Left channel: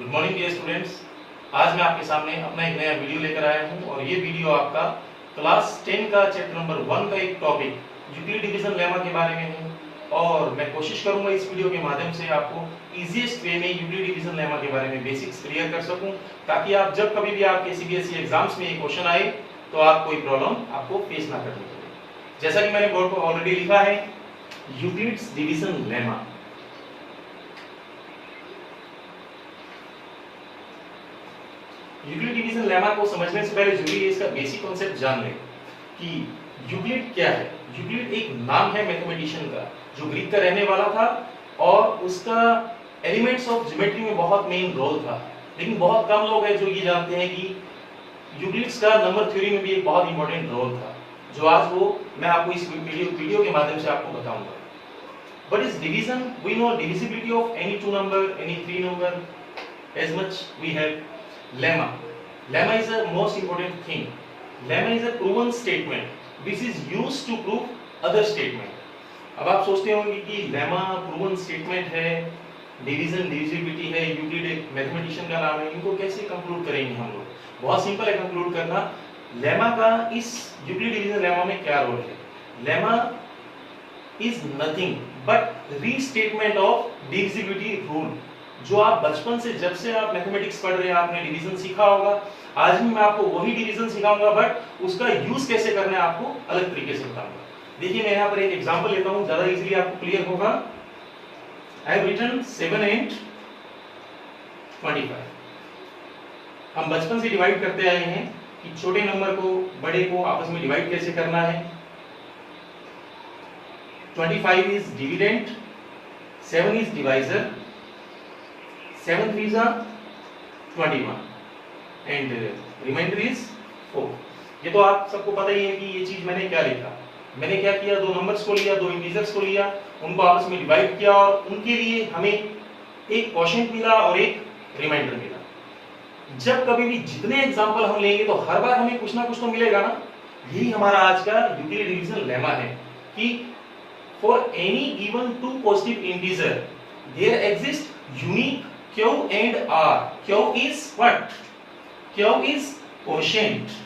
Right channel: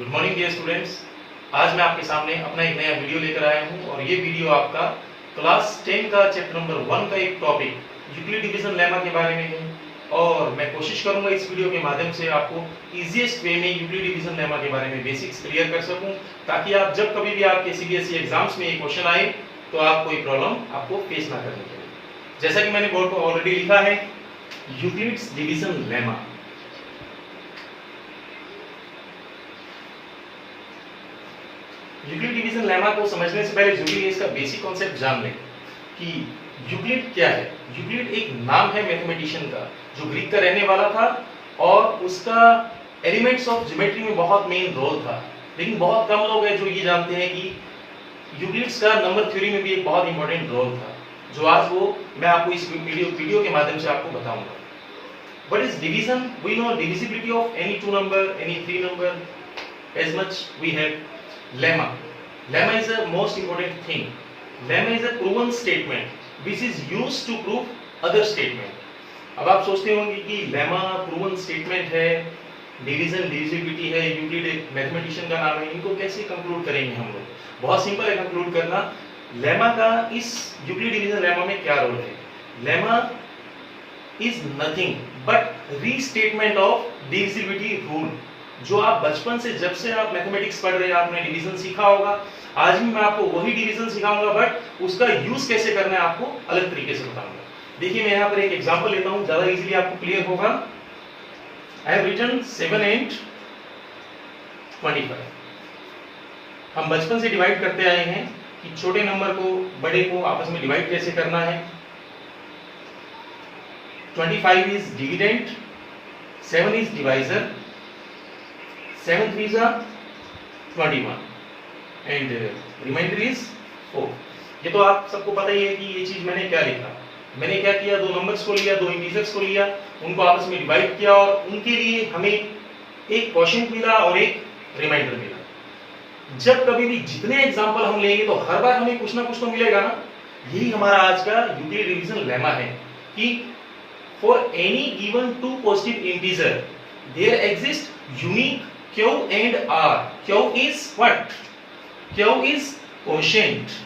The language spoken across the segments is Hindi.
Good morning dear students. आज मैं आपके सामने अपना एक नया वीडियो लेकर आया हूं और ये वीडियो आपका क्लास 10 का चैप्टर नंबर 1 का एक टॉपिक यूक्लिड डिवीजन लेमा के बारे में है। और मैं कोशिश करूंगा इस वीडियो के माध्यम से आपको इजीएस्ट वे में यूक्लिड डिवीजन लेमा के बारे में बेसिक्स क्लियर कर सकूं, ताकि आप जब कभी भी आपके सीबीएसई एग्जाम्स में ये क्वेश्चन आए तो आप कोई प्रॉब्लम आपको फेस ना करनी पड़े। जैसा कि मैंने बोर्ड पर ऑलरेडी लिखा है, Euclid's division lemma. Euclid division lemma को समझने से पहले जरूरी है इसका बेसिक कॉन्सेप्ट जान लें कि यूक्लिड क्या है। यूक्लिड एक नाम है मैथमेटिशियन का जो ग्रीक का रहने वाला था और उसका एलिमेंट्स ऑफ ज्योमेट्री में बहुत मेन रोल था। लेकिन बहुत कम लोग हैं जो ये जानते हैं कि यूक्लिड्स का नंबर थ्योरी में भी एक बहुत इंपॉर्टेंट रोल था, जो आज वो मैं आपको इस वीडियो के माध्यम से आपको बताऊंगा। What is division? We know divisibility of any two number, any three number. As much we have lemma. Lemma is a most important thing. Lemma is a proven statement which is used to prove other statement. अब आप सोचते होंगे कि लेमा प्रूवन स्टेटमेंट है, डिवीजन डिविजिबिलिटी है, यूक्लिड एक मैथमेटिशियन का नाम है, इनको कैसे कंक्लूड करेंगे हम लोग? बहुत सिंपल है कंक्लूड करना। लेमा का इस यूक्लिड डिवीजन लेमा में क्या रोल है? Lemma is nothing but restatement of divisibility rule, जो आप बचपन से जब से आप मैथमेटिक्स पढ़ रहे हैं आपने डिवीजन सीखा होगा। आज भी मैं आपको वही डिवीजन सिखाऊंगा, बट उसका यूज कैसे करना है आपको अलग तरीके से बताऊंगा। देखिए मैं यहाँ पर एक एग्जांपल लेता हूँ, ज्यादा इजीली आपको क्लियर होगा। I have written 7 and 25। हम बचपन से डिवाइड करते आए हैं कि छोटे नंबर को बड़े को आपस में डिवाइड कैसे करना है। 25 is dividend, 7 is divisor, 7 3s are 21 and remainder is 4। ये तो आप सबको पता ही है कि ये चीज मैंने क्या लिखा। मैंने क्या किया, दो नंबर्स को लिया, दो इंटीजर्स को लिया, उनको आपस में डिवाइड किया और उनके लिए हमें एक क्वोशिएंट मिला और एक रिमाइंडर मिला। जब कभी भी जितने एग्जांपल हम लेंगे तो हर बार हमें कुछ ना कुछ तो मिलेगा ना। यही हमारा आज का यूक्लिड डिवीजन लेमा है कि for any given two positive integer there exist unique q and r। q is what? q is quotient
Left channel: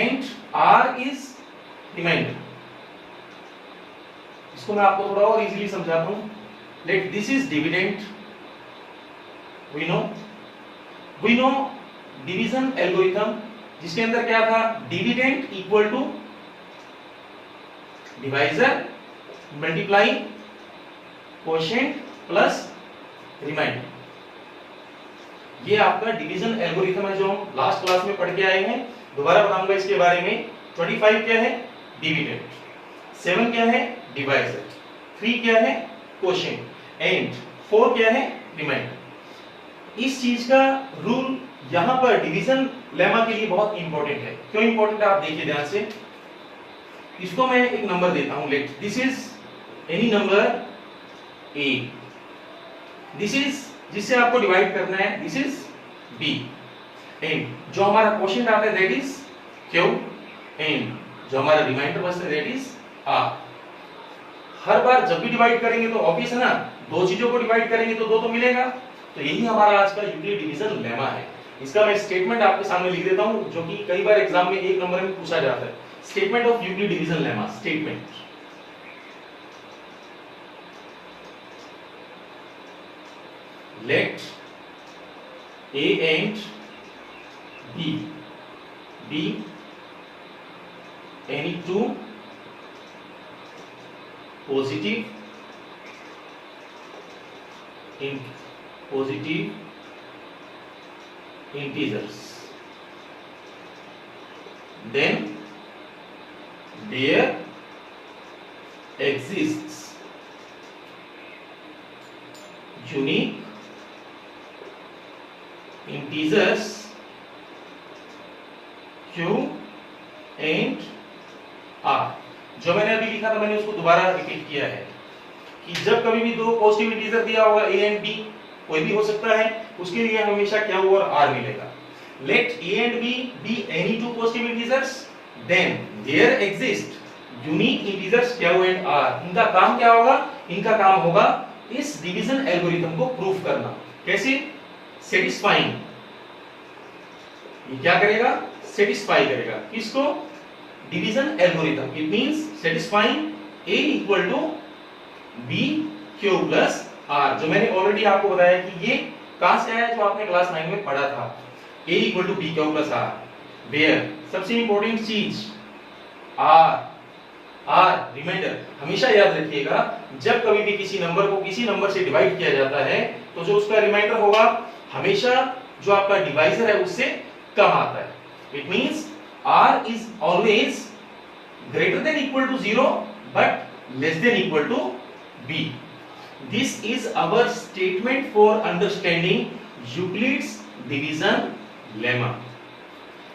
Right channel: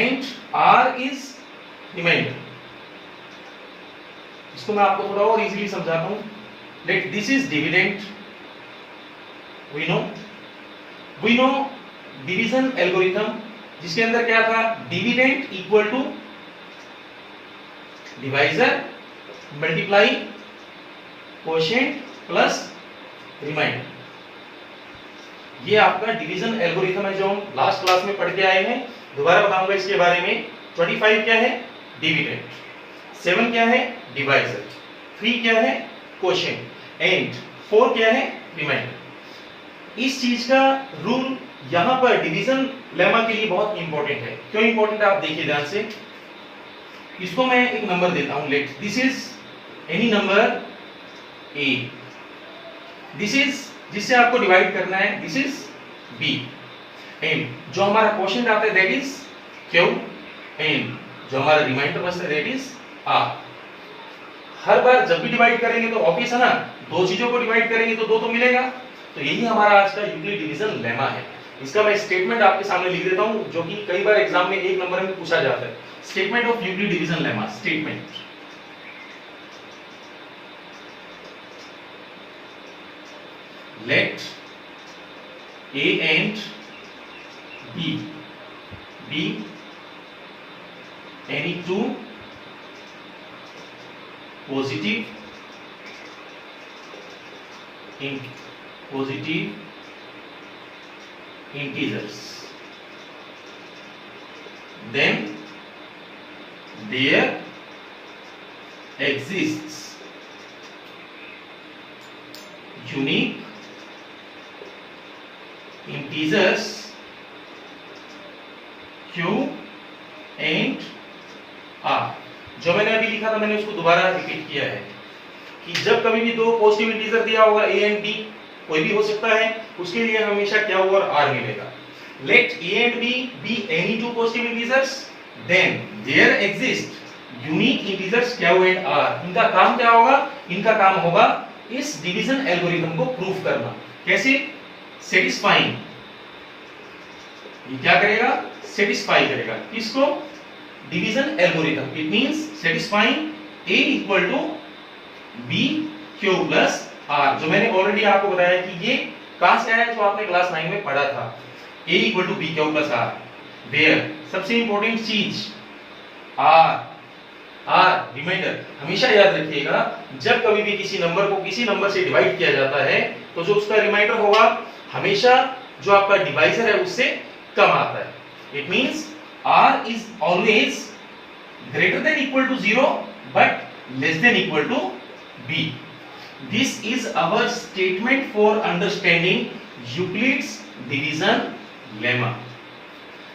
and r is remainder। इसको मैं आपको थोड़ा और इजीली समझाता हूं। Let this is dividend. we know division algorithm, जिसके अंदर क्या था, dividend equal to divisor multiply quotient plus remainder. ये आपका डिवीजन एल्गोरिथम है जो हम लास्ट क्लास में पढ़ के आए हैं। दोबारा बताऊंगा इसके बारे में। 25 क्या है? डिविडेंड। 7 क्या है? डिवाइजर। 3 क्या है? क्वोशिएंट एंड 4 क्या है? रिमाइंडर। इस चीज का रूल यहां पर डिवीजन लेमा के लिए बहुत इंपॉर्टेंट है। क्यों इंपॉर्टेंट है आप देखिए ध्यान से। इसको मैं एक नंबर देता हूं, let this is any number a। This is जिससे आपको डिवाइड करना है, दिस इज b एंड जो हमारा क्वोशिएंट आता है दैट इज q एंड जो हमारा रिमाइंडर बचता है दैट इज r। हर बार जब भी डिवाइड करेंगे तो ऑब्वियस है ना, दो चीजों को डिवाइड करेंगे तो दो तो मिलेगा। तो यही हमारा आज का यूक्लिड डिवीजन लेमा है। इसका मैं स्टेटमेंट आपके सामने लिख देता हूं, जो कि कई बार एग्जाम में एक नंबर में पूछा जाता है। Statement of Euclid division lemma. Statement, let a and b be any two positive integers, then there exists unique integers q and r। जो मैंने अभी लिखा था मैंने उसको दोबारा रिपीट किया है कि जब कभी भी दो पॉजिटिव इंटीजर दिया होगा a and b, कोई भी हो सकता है, उसके लिए हमेशा क्या होगा, r मिलेगा। let a and b be any two positive integers, then there exist unique integers क्या हुए आर। इनका काम क्या होगा? इनका काम होगा इस डिवीजन एल्गोरिथम को प्रूफ करना। कैसे? सेटिस्फाइंग, ये क्या करेगा? सेटिस्फाई करेगा किसको? Division algorithm. It means satisfying a equal to b q plus r, जो मैंने ऑलरेडी आपको बताया कि ये कहां से आया, जो आपने क्लास 9 में पढ़ा था, a equal to b q plus r, where सबसे इंपॉर्टेंट चीज r रिमाइंडर। हमेशा याद रखिएगा, जब कभी भी किसी नंबर को किसी नंबर से डिवाइड किया जाता है तो जो उसका रिमाइंडर होगा हमेशा जो आपका डिवाइजर है उससे कम आता है। It means r is always greater than equal to 0 but less than equal to b। This is our statement for understanding Euclid's division lemma.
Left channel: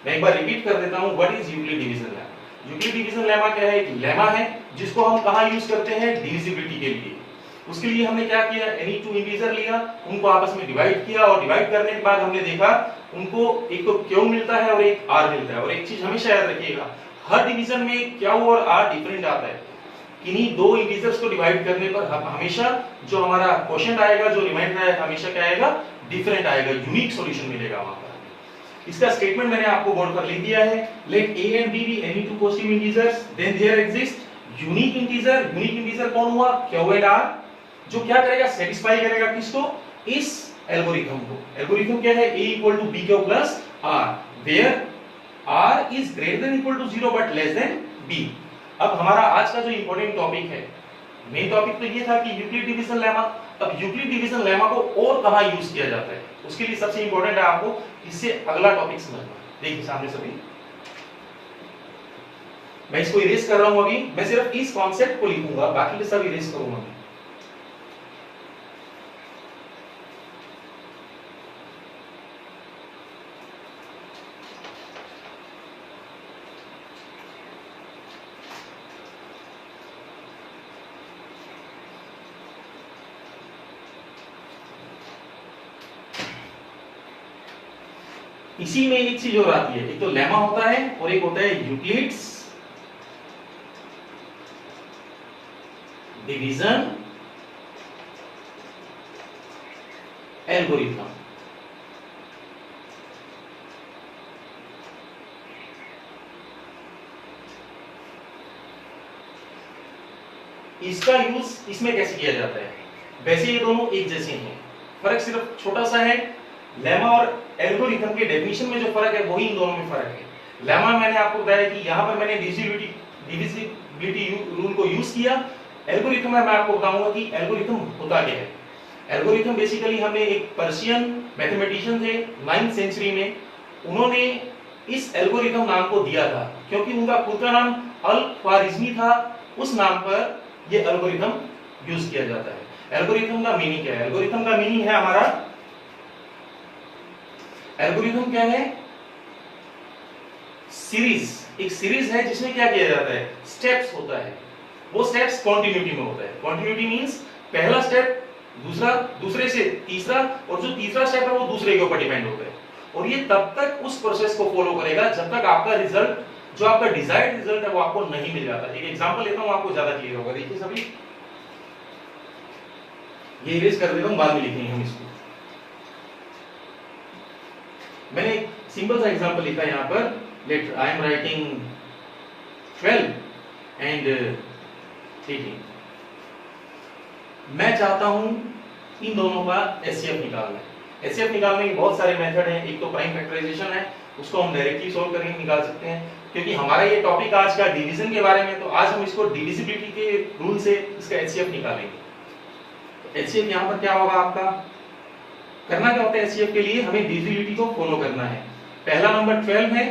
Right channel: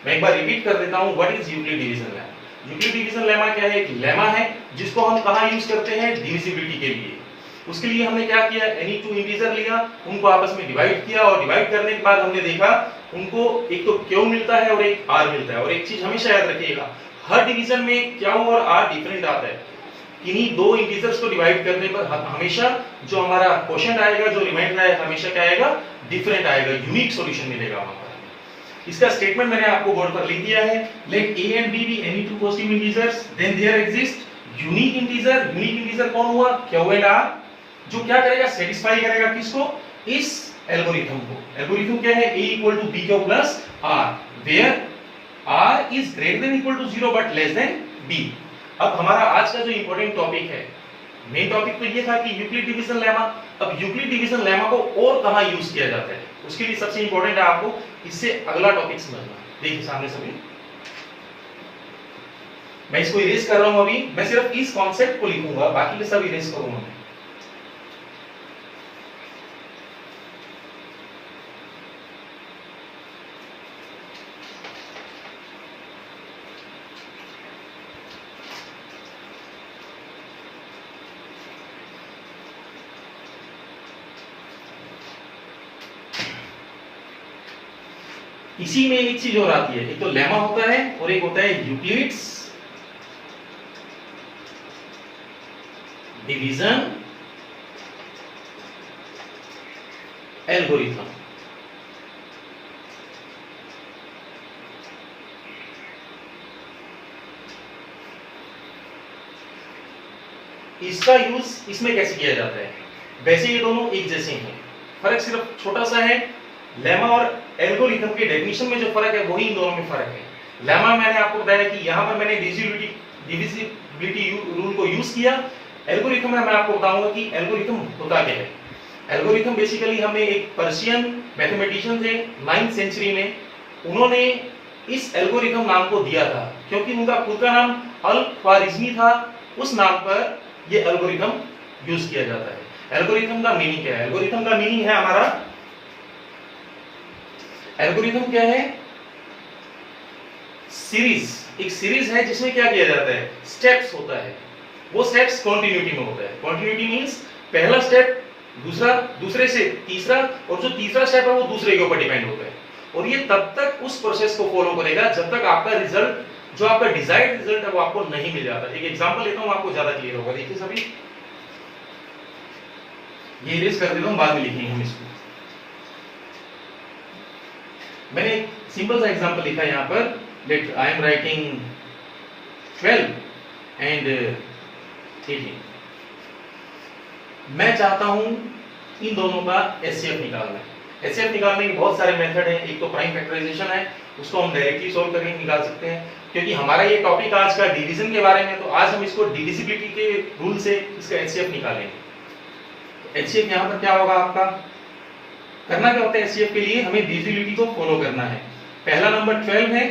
मैं एक बार रिपीट कर देता हूं, what is Euclid division lemma? Euclid division lemma क्या है? एक लेमा है जिसको हम कहां यूज करते हैं? डिविजिबिलिटी के लिए। उसके लिए हमने क्या किया? एनी टू इंटीजर लिया, उनको आपस में डिवाइड किया और डिवाइड करने के बाद हमने देखा उनको एक तो क्यू मिलता है और एक आर मिलता है। और एक चीज हमेशा याद रखिएगा, हर डिवीजन में क्यू और आर डिफरेंट आता है। इन्हीं दो इंटीजर्स को डिवाइड करने पर हमेशा जो हमारा क्वोशिएंट आएगा, जो रिमाइंडर आएगा, हमेशा क्या आएगा? डिफरेंट आएगा, यूनिक सॉल्यूशन मिलेगा वहां पर। इसका स्टेटमेंट मैंने आपको बोर्ड पर लिख दिया है। Let a and b be any two positive integers, then there exist unique integer. Unique integer कौन हुआ? q एंड r, जो क्या करेगा? सेटिस्फाई करेगा किसको? इस एल्गोरिथम को। एल्गोरिथम क्या है? a equal to b q plus r, where r is greater than equal to 0 but less than b। अब हमारा आज का जो इंपॉर्टेंट टॉपिक है, मेन टॉपिक तो ये था कि यूक्लिड डिवीजन लेमा। अब यूक्लिड डिवीजन लेमा को और कहां यूज किया जाता है, उसके लिए सबसे इंपॉर्टेंट है आपको इससे अगला टॉपिक समझना। देखिए सामने सभी, मैं इसको इरेज कर रहा हूं अभी, मैं सिर्फ इस कॉन्सेप्ट को लिखूंगा, बाकी के सब इरेज करूंगा मैं। इसी में एक चीज और आती है, एक तो लेमा होता है और एक होता है यूक्लिड्स डिवीजन एल्गोरिथम। इसका यूज इसमें कैसे किया जाता है? वैसे ये दोनों एक जैसे हैं, फर्क सिर्फ छोटा सा है। लेमा और एल्गोरिथम के डेफिनेशन में जो फर्क है वही इन दोनों में फर्क है। लेमा मैंने आपको बताया कि यहां पर मैंने डिविजिबिलिटी रूल को यूज किया। एल्गोरिथम में मैं आपको बताऊंगा कि एल्गोरिथम होता क्या है। एल्गोरिथम बेसिकली हमें एक पर्शियन मैथमेटिशियन थे 9th सेंचुरी में, उन्होंने इस एल्गोरिथम नाम को दिया था क्योंकि उनका खुद का नाम अल ख्वारिज़मी था। उस नाम पर यह एल्गोरिथम यूज किया जाता है। एल्गोरिथम का मीनिंग क्या है? एल्गोरिथम का मीनिंग है हमारा, एल्गोरिथम क्या है? सीरीज। एक सीरीज है जिसमें क्या किया जाता है? स्टेप्स होता है। वो स्टेप्स कंटिन्यूटी में होता है। कंटिन्यूटी मींस पहला स्टेप दूसरा, दूसरे से तीसरा, और जो तीसरा स्टेप है वो दूसरे के ऊपर डिपेंड होता है। और ये तब तक उस प्रोसेस को फॉलो करेगा जब तक आपका रिजल्ट, जो आपका डिजायर्ड रिजल्ट है, वो आपको नहीं मिल जाता। एक एग्जांपल लेता हूं, आपको ज्यादा क्लियर होगा। देखिए सभी, ये इरेज कर देता हूं, बाद में लिखेंगे हम इसको। मैंने एक सिंपल सा एग्जांपल लिखा यहां पर। Let I am writing 12 and 18। मैं चाहता हूं इन दोनों का एचसीएफ निकालना है। एचसीएफ निकालने के बहुत सारे मेथड हैं। एक तो प्राइम फैक्टराइजेशन है, उसको हम डायरेक्टली सॉल्व करके निकाल सकते हैं। क्योंकि हमारा ये टॉपिक आज का डिवीजन के बारे में, तो आज हम इसको डिविजिबिलिटी के रूल से इसका एचसीएफ निकालेंगे। तो एचसीएफ यहां पर क्या होगा आपका? करना क्या होता है एचसीएफ के लिए? हमें डिविजिबिलिटी को फॉलो करना है। पहला नंबर 12 है,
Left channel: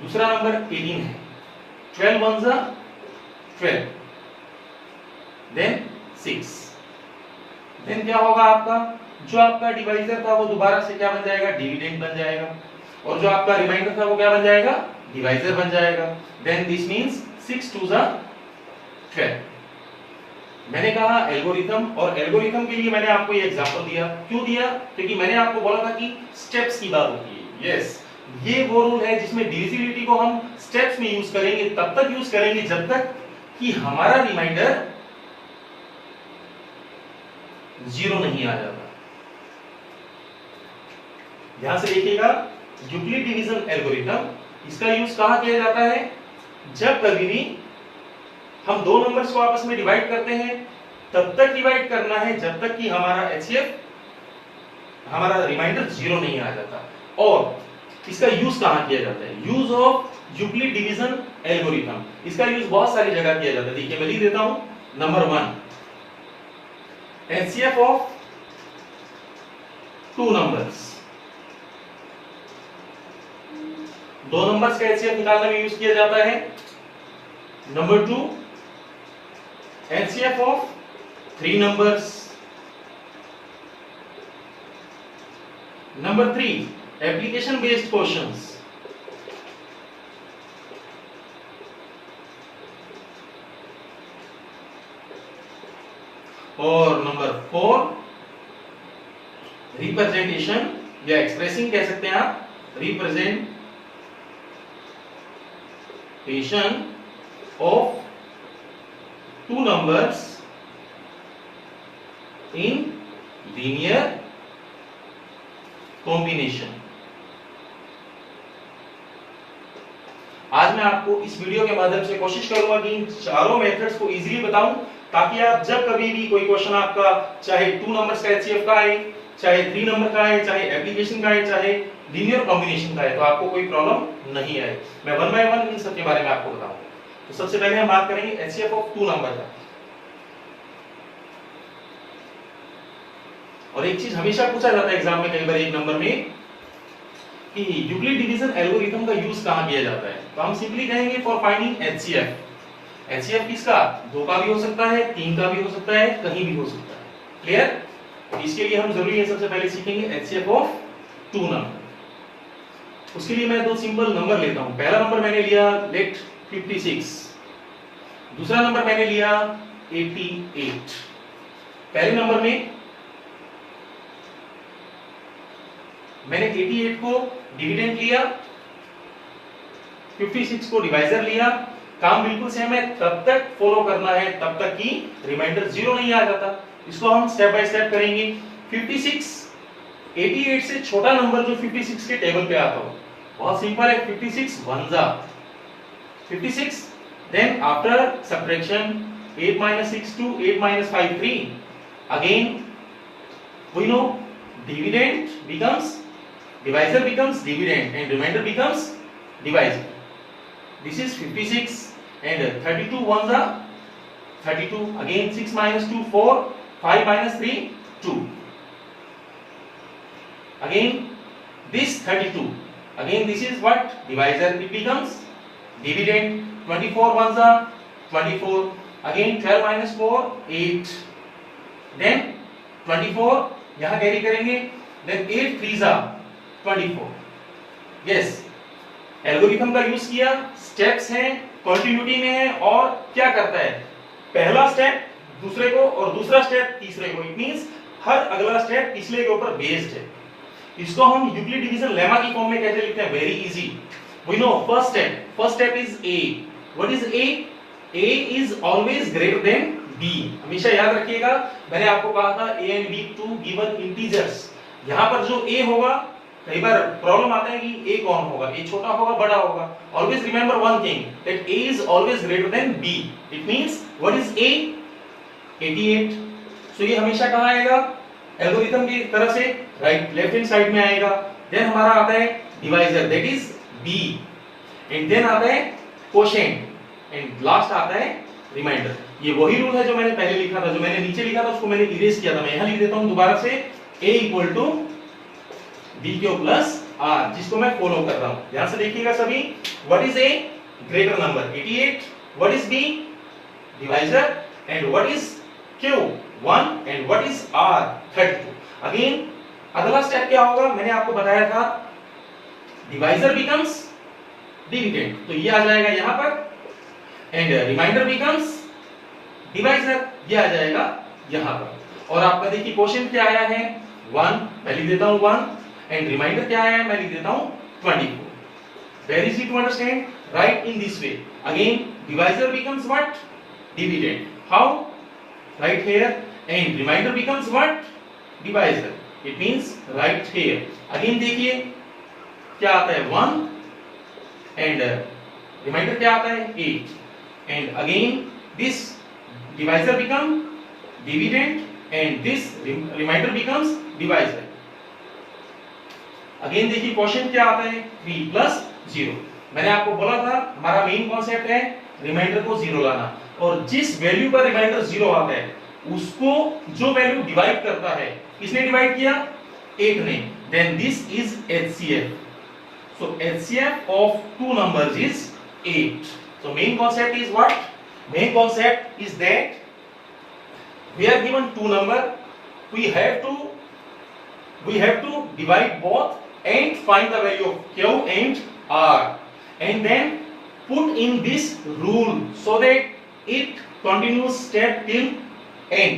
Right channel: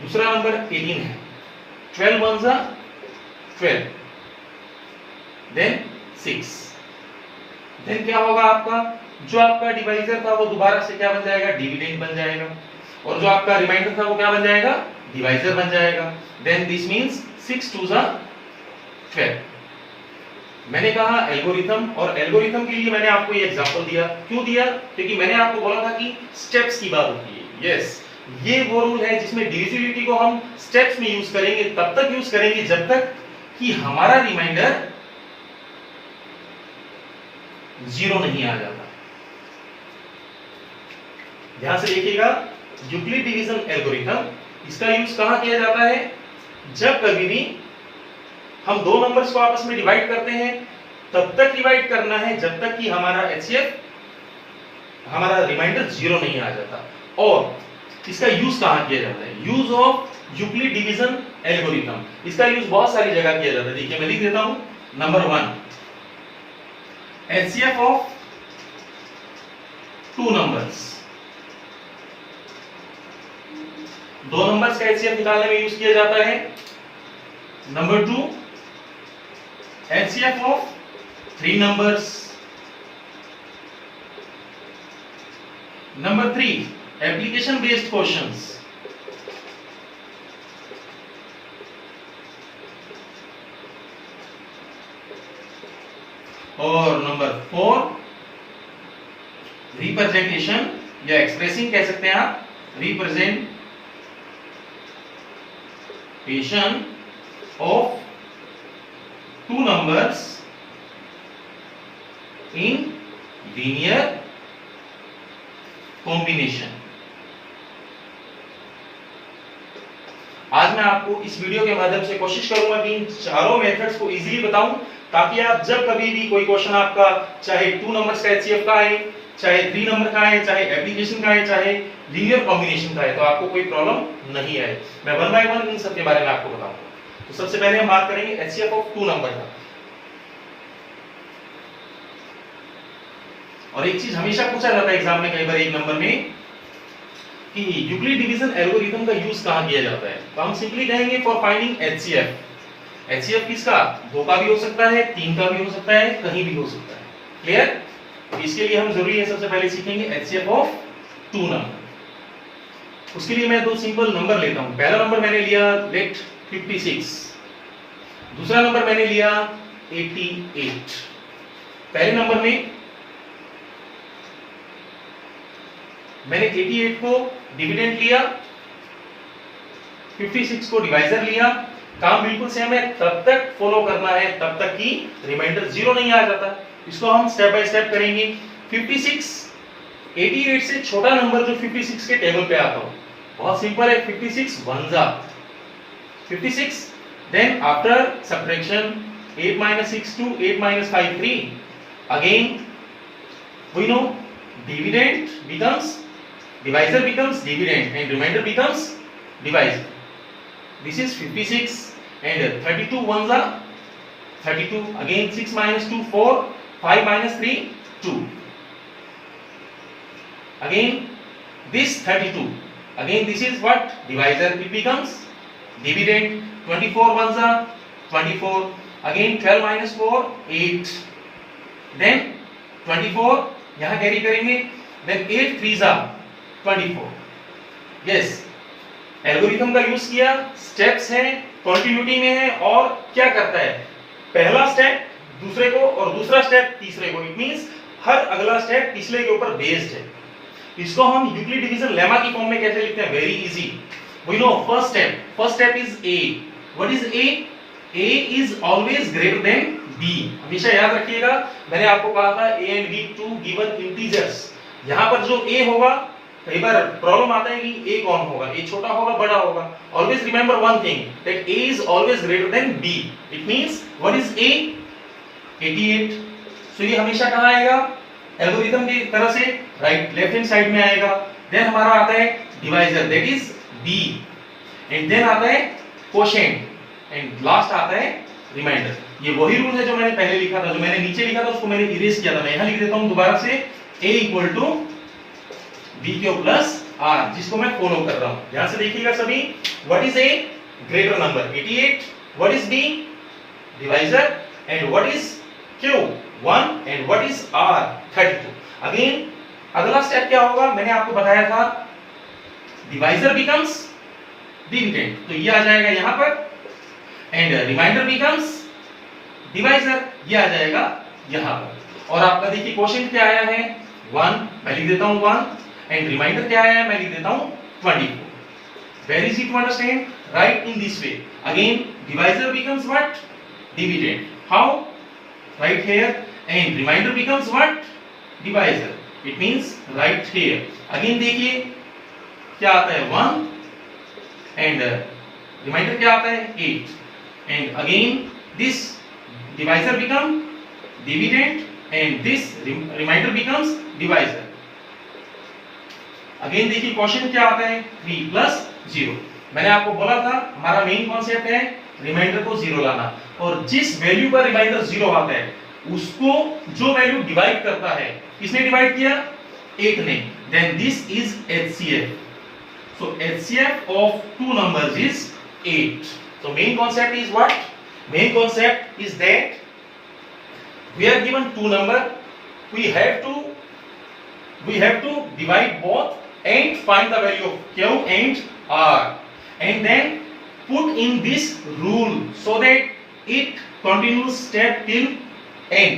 दूसरा नंबर 18 है। 12 1 जा 12, देन 6, देन क्या होगा आपका? जो आपका डिवाइजर था वो दोबारा से क्या बन जाएगा? डिविडेंड बन जाएगा। और जो आपका रिमाइंडर था वो क्या बन जाएगा? डिवाइजर बन जाएगा। देन दिस मींस 6 2 जा 12। मैंने कहा एल्गोरिथम, और एल्गोरिथम के लिए मैंने आपको ये एग्जांपल दिया। क्यों दिया? क्योंकि मैंने आपको बोला था कि स्टेप्स की बात होती है। यस, ये वो रूल है जिसमें डिविजिबिलिटी को हम स्टेप्स में यूज करेंगे। तब तक यूज करेंगे जब तक कि हमारा रिमाइंडर जीरो नहीं आ जाता। ध्यान से देखिएगा, यूक्लिड डिवीजन एल्गोरिथम, इसका यूज कहां किया जाता है? जब कभी भी हम दो नंबर्स को आपस में डिवाइड करते हैं, तब तक डिवाइड करना है जब तक कि हमारा एचसीएफ, हमारा रिमाइंडर जीरो नहीं आ जाता। और इसका यूज कहां किया जाता है? Use of Euclid division algorithm, इसका यूज बहुत सारी जगह किया जाता है। देखिए मैं लिख देता हूं, number 1, HCF of two numbers, दो नंबर्स का एचसीएफ निकालने में यूज किया जाता है। Number 2, HCF of three numbers. Number 3, application based questions. और नंबर 4, रिप्रेजेंटेशन या एक्सप्रेसिंग कह सकते हैं आप, representation of two numbers in linear combination. आज मैं आपको इस वीडियो के माध्यम से कोशिश करूंगा कि इन चारों मेथड्स को इजीली बताऊं, ताकि आप जब कभी भी कोई क्वेश्चन आपका चाहे टू नंबर्स का एचसीएफ का है, चाहे थ्री नंबर का है, चाहे एप्लीकेशन का है, चाहे लीनियर कॉम्बिनेशन का है, तो आपको कोई प्रॉब्लम नहीं आए। मैं वन बाय वन इन सब के बारे में आपको बताऊंगा। तो सबसे पहले हम बात करेंगे एचसीएफ ऑफ टू नंबर का। और एक चीज हमेशा पूछा जाता है एग्जाम में कई बार एक नंबर में कि यूक्लिड डिवीजन एल्गोरिथम का यूज कहां किया जाता है? तो हम सिंपली कहेंगे फॉर फाइंडिंग एचसीएफ। एचसीएफ किसका? दो का भी हो सकता है, तीन का भी हो सकता है, कहीं भी हो सकता है। क्लियर? तो इसके लिए हम जरूरी है सबसे पहले सीखेंगे एचसीएफ ऑफ टू नंबर। उसके लिए मैं दो सिंपल नंबर लेता हूं। पहला नंबर मैंने लिया लेट 56, दूसरा नंबर मैंने लिया 88। पहले नंबर में मैंने 88 को डिविडेंड लिया, 56 को डिवाइजर लिया। काम बिल्कुल सेम है, तब तक फॉलो करना है तब तक कि रिमाइंडर जीरो नहीं आ जाता। इसको हम स्टेप बाय स्टेप करेंगे। 56, 88 से छोटा नंबर जो 56 के टेबल पे आता हो, बहुत सिंपल है। 56 1 जा 56, then after subtraction 8 minus 6 2, 8 minus 5 3, again we know dividend becomes divisor becomes dividend and remainder becomes divisor. This is 56 and 32 ones are 32, again 6 minus 2 4, 5 minus 3 2, again this 32, again this is what? Divisor, it becomes dividend. 24 ones are 24, again 12 minus 4 8, then 24 यहां कैरी करेंगे, then 8 3s are 24. yes, algorithm का यूज किया, स्टेप्स हैं, कंटिन्यूटी में है, और क्या करता है? पहला स्टेप दूसरे को और दूसरा स्टेप तीसरे को। इट मींस हर अगला स्टेप पिछले के ऊपर बेस्ड है। इसको हम यूक्लिड डिवीजन लेमा की फॉर्म में कैसे लिखते हैं? Very easy. We know first step is a. What is a? A is always greater than b. हमेशा याद रखिएगा, मैंने आपको कहा था a and b two given integers. यहां पर जो ए होगा, कई बार प्रॉब्लम आता है कि ए कौन होगा, ए छोटा होगा बड़ा होगा। Always remember one thing, that a is always greater than b. It means what is a? 88। So ये हमेशा कहां आएगा? एल्गोरिथम की तरह से राइट लेफ्ट हैंड साइड में आएगा। देन हमारा आता है divisor, that is b, and then आता है कोशेंट, एंड लास्ट आता है रिमाइंडर। ये वही रूल है जो मैंने पहले लिखा था, जो मैंने नीचे लिखा था उसको मैंने इरेज किया था। मैं यहां लिख देता हूं दोबारा से, a equal to b q plus r, जिसको मैं फॉलो कर रहा हूं। ध्यान से देखिएगा सभी। What is a? Greater number 88। What is b? Divisor. And what is q? 1। And what is r? 32। Again अगला स्टेप क्या होगा? मैंने आपको बताया था डिवाइजर बिकम्स डिविडेंड, तो ये आ जाएगा यहां पर, एंड रिमाइंडर बिकम्स डिवाइजर, ये आ जाएगा यहां पर। और आपका देखिए क्वेश्चन क्या आया है? 1, मैं लिख देता हूं 1, एंड रिमाइंडर क्या आया है? मैं लिख देता हूं 24। Very easy to understand, right in this way. Again divisor becomes what? Dividend. How? Right here, and remainder becomes what? Divisor. It means right here. Again देखिए क्या आता है 1 and remainder क्या आता है 8 and again this divisor become dividend and this remainder becomes divisor. Again देखिए क्वेश्चन क्या आता है 3 plus 0. मैंने आपको बोला था हमारा मेन कॉन्सेप्ट है रिमाइंडर को 0 लाना और जिस वैल्यू पर रिमाइंडर 0 आता है उसको जो वैल्यू डिवाइड करता है, किसने डिवाइड किया? 8 ने. Then this is HCF. So HCF of two numbers is 8. So main concept is what? Main concept is that we are given two number, we have to divide both and find the value of Q and R and then put in this rule so that it continues step till end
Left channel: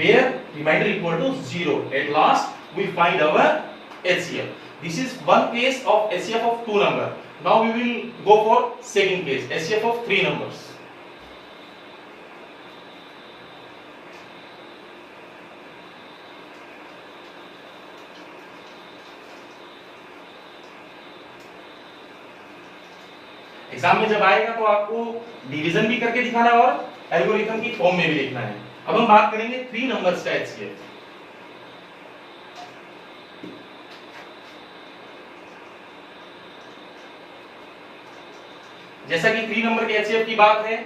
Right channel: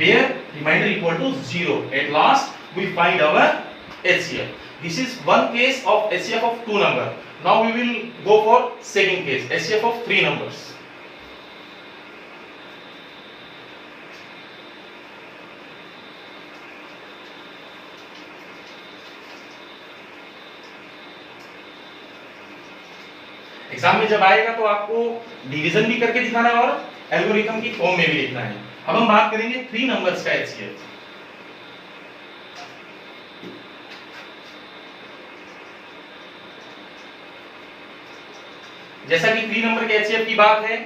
where remainder equal to 0. At last we find our HCF. This is one case of HCF of two number. Now we will go for second case, HCF of three numbers. Exam में जब आएगा तो आपको डिवीजन भी करके दिखाना है और एल्गोरिथम की फॉर्म में भी लिखना है. अब हम बात करेंगे थ्री नंबर्स का HCF. जैसा कि थ्री नंबर के HCF की बात है,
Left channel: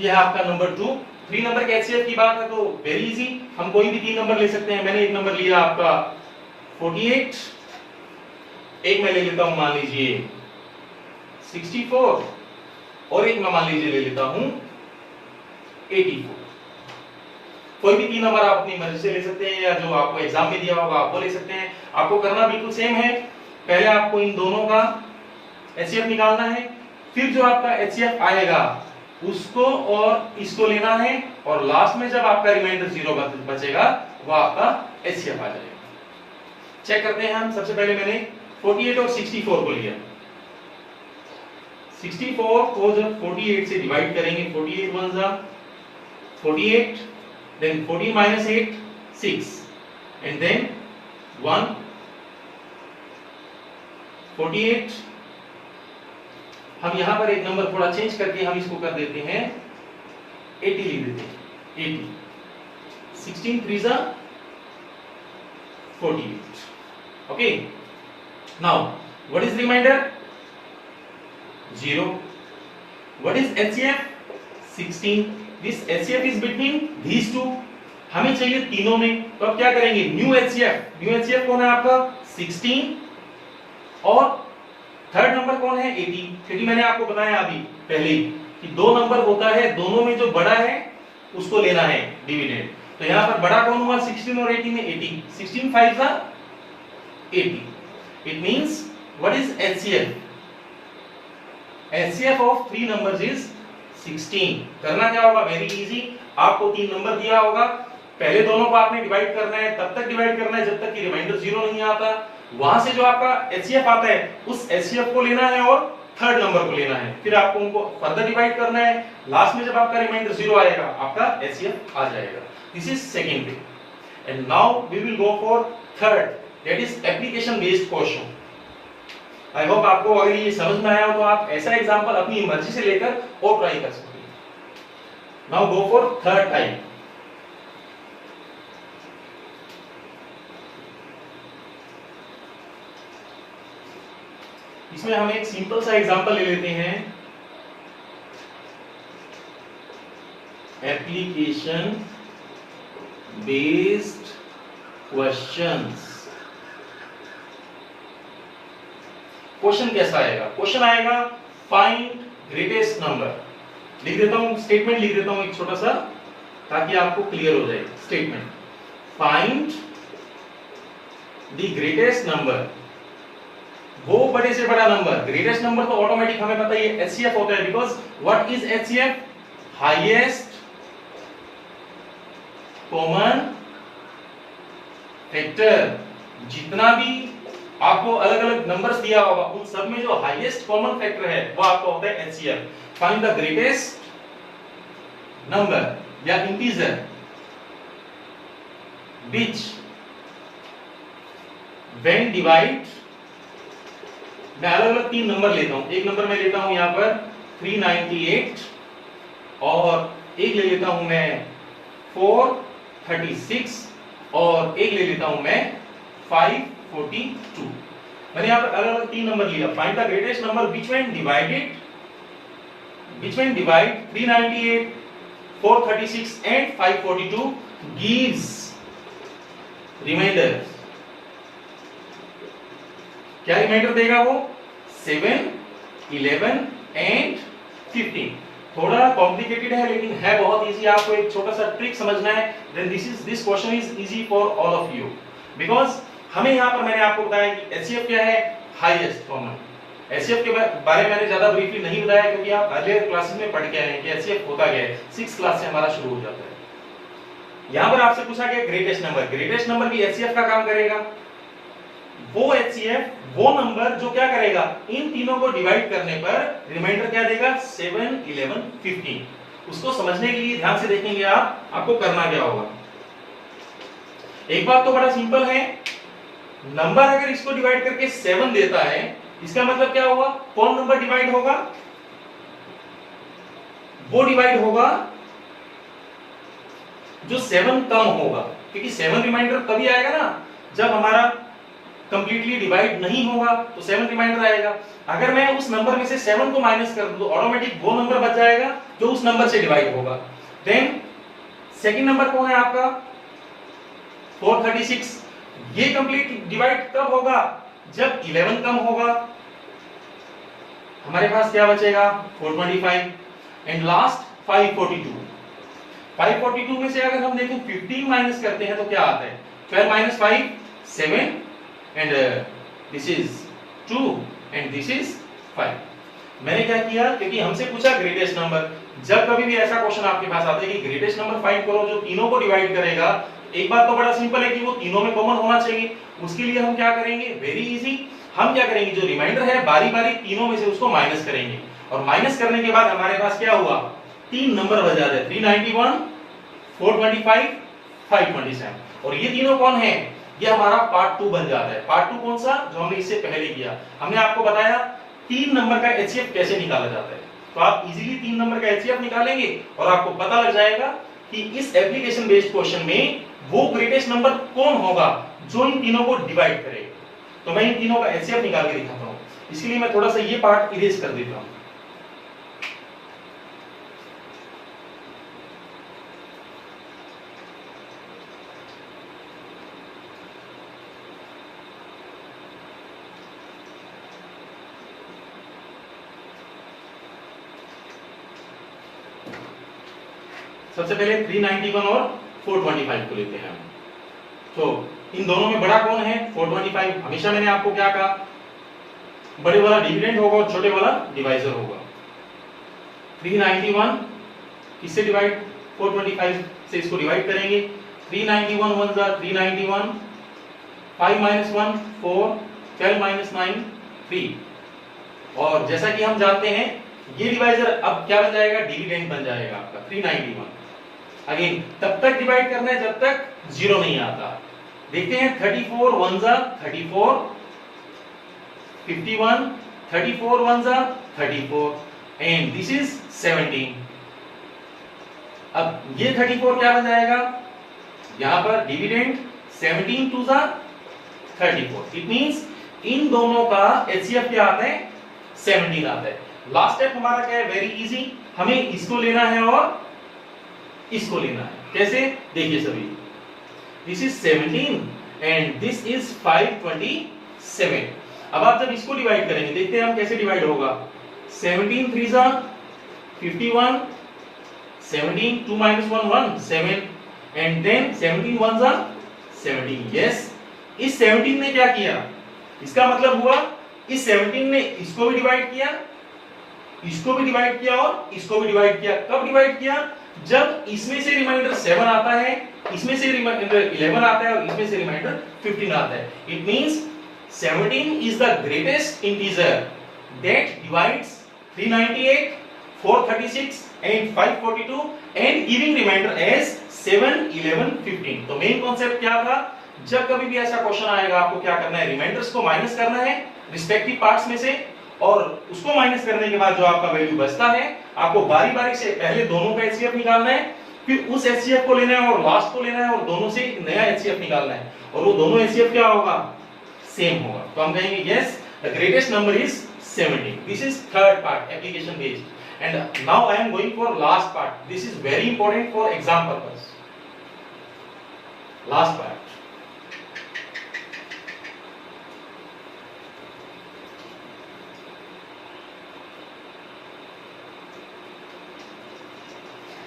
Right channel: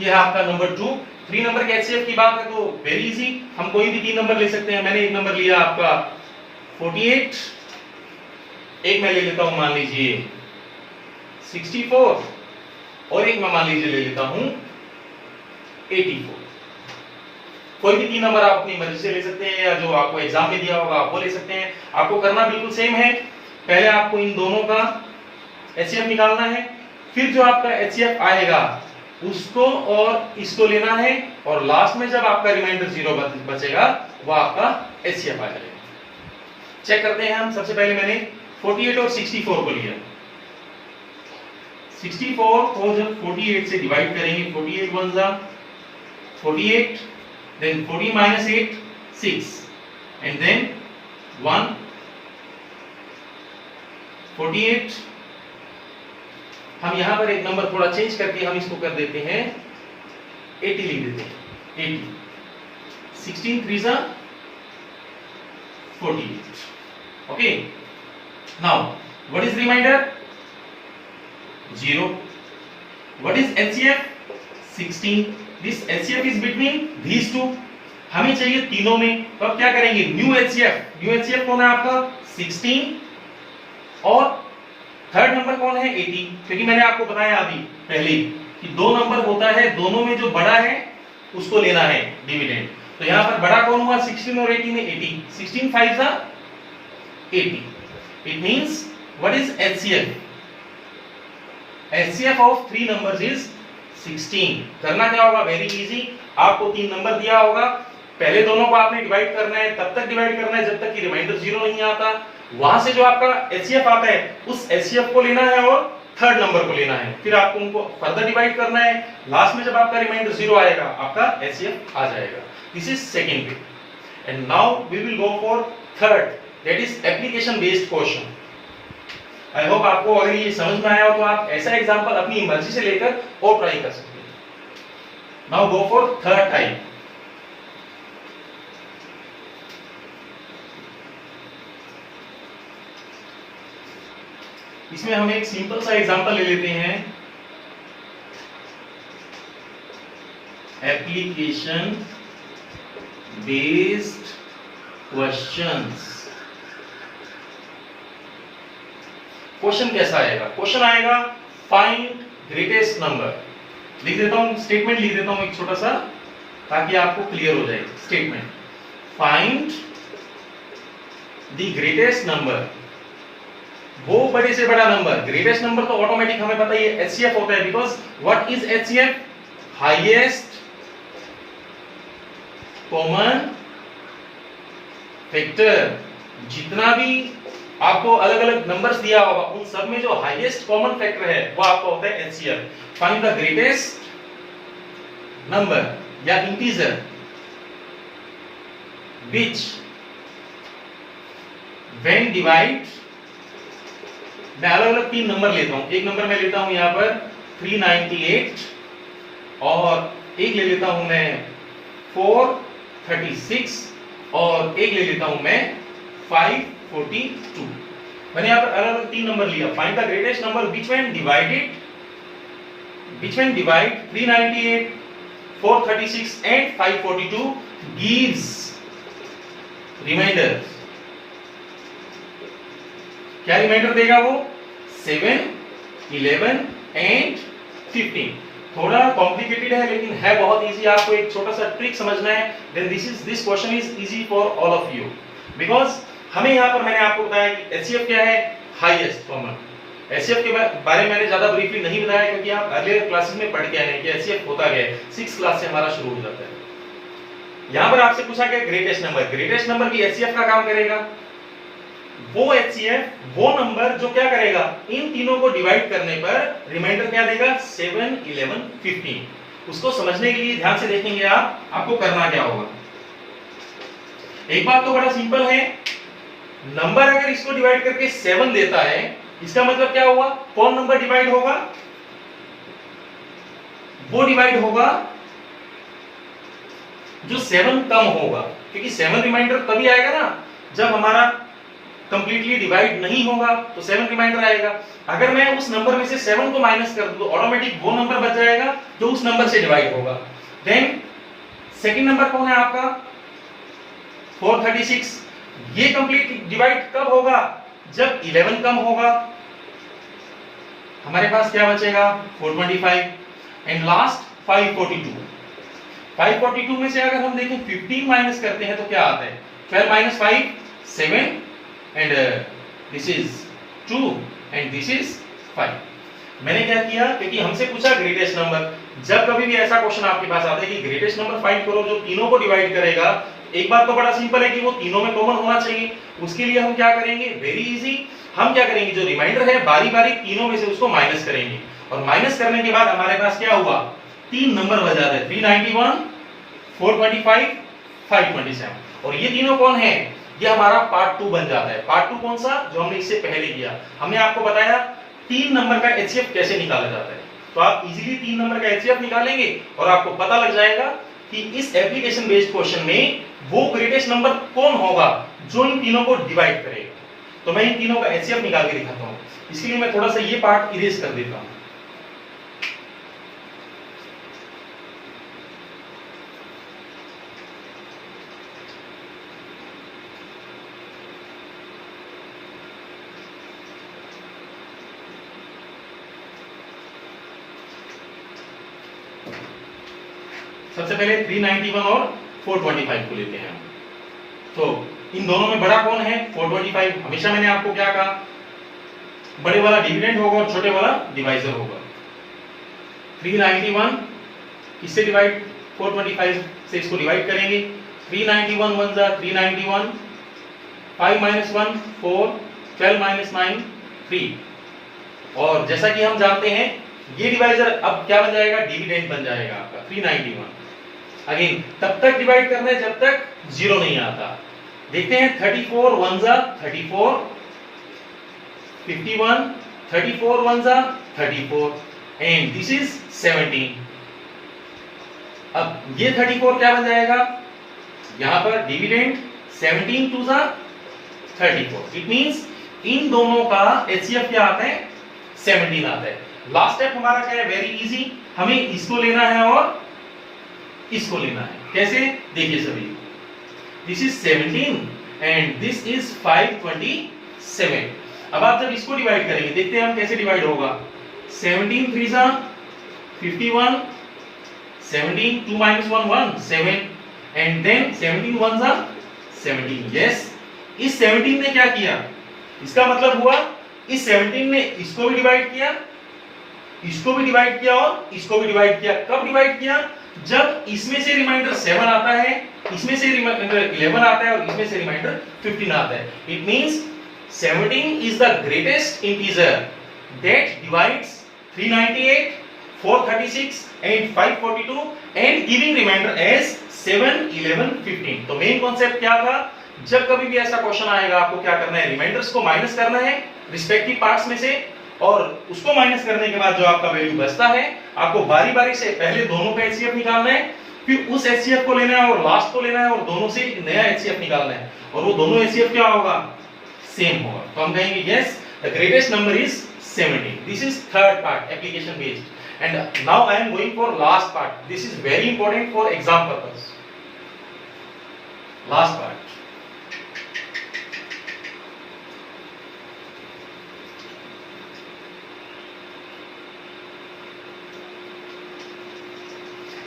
यह है आपका नंबर 2. थ्री नंबर के HCF की बात है तो वेरी इजी, हम कोई भी तीन नंबर ले सकते हैं. मैंने एक नंबर लिया आपका 48, एक मैं ले लेता हूं मान लीजिए 64 और एक मैं मान लीजिए ले लेता हूं 84. कोई भी तीन नंबर आप अपनी मर्जी से ले सकते हैं या जो आपको एग्जाम में दिया होगा आप वो ले सकते हैं. आपको करना बिल्कुल सेम है. पहले आपको इन दोनों का HCF निकालना है, फिर जो आपका HCF आएगा उसको और इसको लेना है और लास्ट में जब आपका रिमाइंडर 0 बचेगा वो आपका HCF आ जाएगा. चेक करते हैं हम. सबसे पहले मैंने 48 और 64 को लिया. 64 को जब 48 से डिवाइड करेंगे, 48 1 जा 48, then 40 minus 8 6 and then 1 48. हम यहां पर एक नंबर थोड़ा चेंज करके हम इसको कर देते हैं 80 लिख देते हैं 80. 16 3 जा 48. Okay. Now, what is remainder? 0. What is HCF? 16. This HCF is between these two. हमें चाहिए तीनों में, तो अब क्या करेंगे? New HCF. न्यू HCF कौन है आपका? 16 और थर्ड नंबर कौन है? 80. क्योंकि मैंने आपको बताया अभी पहले कि दो नंबर होता है, दोनों में जो बड़ा है उसको लेना है डिविडेंड. तो यहाँ पर बड़ा कौन हुआ? 16 और 80 में 80. 16 5 जा 80. It means what is HCF? HCF of three numbers is 16. करना क्या होगा? Very easy. आपको तीन नंबर दिया होगा, पहले दोनों को आपने डिवाइड करना है, तब तक डिवाइड करना है जब तक कि रिमाइंडर 0 नहीं आता. वहां से जो आपका HCF आता है उस HCF को लेना है और थर्ड नंबर को लेना है, फिर आपको उनको फर्दर डिवाइड करना है. लास्ट में जब आपका रिमाइंडर 0 आएगा आपका HCF आ जाएगा. This is second way. And now we will go for third, that is application based question. I hope आपको अगर ये समझ में आया हो तो आप ऐसा एग्जांपल अपनी मर्जी से लेकर और ट्राई कर सकते हैं. Now go for third type. इसमें हम एक सिंपल सा एग्जांपल ले लेते हैं. Application based questions. क्वेश्चन कैसा आएगा? क्वेश्चन आएगा फाइंड ग्रेटेस्ट नंबर. लिख देता हूं, स्टेटमेंट लिख देता हूं एक छोटा सा ताकि आपको क्लियर हो जाए. Statement find the greatest number. वो बड़े से बड़ा नंबर. ग्रेटेस्ट नंबर तो ऑटोमेटिक हमें पता ही है HCF होता है, because what is HCF? Highest common factor. जितना भी आपको अलग अलग नंबर्स दिया होगा उन सब में जो हाईएस्ट कॉमन फैक्टर है वो आपका होता है HCF. Find the greatest number. या इंटीजर which when divide, मैं अलग अलग 3 नंबर लेता हूं। एक नंबर मैं लेता हूं यहां पर 398 और एक ले लेता हूं मैं 436 और एक ले लेता हूं मैं 542। मैंने यहां पर अलग अलग 3 नंबर लिया। Find the greatest number which when divide 398, 436 and 542 gives remainder. क्या रिमाइंडर देगा वो? 7, 11 एंड 15। थोड़ा कॉम्प्लिकेटेड है लेकिन है बहुत इजी। आपको एक छोटा सा ट्रिक समझना है, then this question is easy for all of you. Because हमें यहाँ पर मैंने आपको बताया कि एचसीएफ क्या है, हाईएस्ट कॉमन। एचसीएफ के बारे में मैंने ज्यादा ब्रीफली नहीं बताया क्योंकि आप अगले क्लासेस में पढ़ के आए हैं कि एचसीएफ होता क्या है। 6th क्लास से हमारा शुरू हो जाता है। यहां पर आपसे पूछा गया ग्रेटेस्ट नंबर। ग्रेटेस्ट नंबर की एचसीएफ का काम करेगा वो एचसीएफ, वो नंबर जो क्या करेगा, इन तीनों को डिवाइड करने पर रिमाइंडर क्या देगा? 7, 11, 15। उसको समझने के लिए ध्यान से देखेंगे आपको करना क्या होगा। एक बात तो बड़ा सिंपल है, नंबर अगर इसको डिवाइड करके 7 देता है, इसका मतलब क्या हुआ? कौन नंबर डिवाइड होगा? वो डिवाइड होगा जो 7 कम होगा, क्योंकि 7 रिमाइंडर तभी आएगा ना जब हमारा कंप्लीटली डिवाइड नहीं होगा, तो 7 रिमाइंडर आएगा। अगर मैं उस नंबर में से 7 को माइनस कर दूं तो ऑटोमेटिक वो नंबर बच जाएगा जो उस नंबर से डिवाइड होगा। देन सेकंड नंबर कौन है आपका? 436। ये कंप्लीट डिवाइड कब होगा? जब 11 कम होगा। हमारे पास क्या बचेगा? 425 एंड लास्ट 542। 542 में से अगर हम देखें 15 माइनस करते हैं तो क्या आता है? 12 minus 5 7 and this is 2 and this is 5। मैंने क्या किया, क्योंकि हमसे पूछा ग्रेटेस्ट नंबर। जब कभी भी ऐसा क्वेश्चन आपके पास आता है कि ग्रेटेस्ट नंबर फाइंड करो जो तीनों को डिवाइड करेगा, एक बात तो बड़ा सिंपल है कि वो तीनों में कॉमन होना चाहिए। उसके लिए हम क्या करेंगे? वेरी इजी, हम क्या करेंगे, जो रिमाइंडर है बारी बारी तीनों में से उसको माइनस करेंगे और माइनस करने के बाद हमारे पास क्या हुआ? 3 नंबर बचा रहे, 391, 425, 527। और ये तीनों कौन है? ये हमारा पार्ट 2 बन जाता है। पार्ट 2 कौन सा? जो हमने इससे पहले किया। हमने आपको बताया 3 नंबर का एचसीएफ कैसे निकाला जाता है, तो आप इजीली 3 नंबर का एचसीएफ निकालेंगे और आपको पता लग जाएगा कि इस एप्लीकेशन बेस्ड क्वेश्चन में वो ग्रेटेस्ट नंबर कौन होगा जो इन तीनों को डिवाइड करेगा। तो मैं इन तीनों का एचसीएफ निकाल के दिखाता हूं। इसके लिए मैं थोड़ा सा ये पार्ट इरेज कर देता हूं। सबसे पहले 391 और 425 को लेते हैं हम। तो इन दोनों में बड़ा कौन है? 425। हमेशा मैंने आपको क्या कहा, बड़े वाला डिविडेंड होगा और छोटे वाला डिवाइजर होगा। 391 किससे डिवाइड? 425 से इसको डिवाइड करेंगे। 391 1 जा 391, 5 minus 1 4, 12 minus 9 3। और जैसा कि हम जानते हैं ये डिवाइजर अब क्या बन जाएगा? डिविडेंड बन जाएगा आपका 391। अगेन तब तक डिवाइड करना है जब तक 0 नहीं आता। देखते हैं 34 1 जा 34, 51, 34 1 जा 34 एंड दिस इज 17। अब ये 34 क्या बन जाएगा? यहां पर डिविडेंड 17 2 जा 34। इट मींस इन दोनों का एचसीएफ क्या आता है? 17 आता है। लास्ट स्टेप हमारा क्या है? वेरी इजी, हमें इसको लेना है और इसको लेना है। कैसे? देखिए सभी, this is 17 and this is 527। अब आप जब इसको डिवाइड करेंगे, देखते हैं हम कैसे डिवाइड होगा। 17 3 जा 51, 17 2 minus 1 1 7 एंड देन 17 1 जा 17। यस, इस 17 ने क्या किया? इसका मतलब हुआ इस 17 ने इसको भी डिवाइड किया, इसको भी डिवाइड किया और इसको भी डिवाइड किया। कब डिवाइड किया? जब इसमें से रिमाइंडर 7 आता है, इसमें से रिमाइंडर 11 आता है और इसमें से रिमाइंडर 15 आता है। It means 17 is the greatest integer that divides 398, 436 and 542 and giving remainder as 7, 11, 15। तो मेन कॉन्सेप्ट क्या था, जब कभी भी ऐसा क्वेश्चन आएगा आपको क्या करना है, रिमाइंडर्स को माइनस करना है रिस्पेक्टिव पार्ट्स में से, और उसको माइनस करने के बाद जो आपका वैल्यू बचता है आपको बारी बारी से पहले दोनों का एचसीएफ निकालना है, फिर उस एचसीएफ को लेना है और लास्ट को लेना है और दोनों से एक नया एचसीएफ निकालना है, और वो दोनों एचसीएफ क्या होगा, सेम होगा। तो हम कहेंगे yes the greatest number is 17। This is third part application based. And now I am going for last part. This is very important for exam purpose. Last part,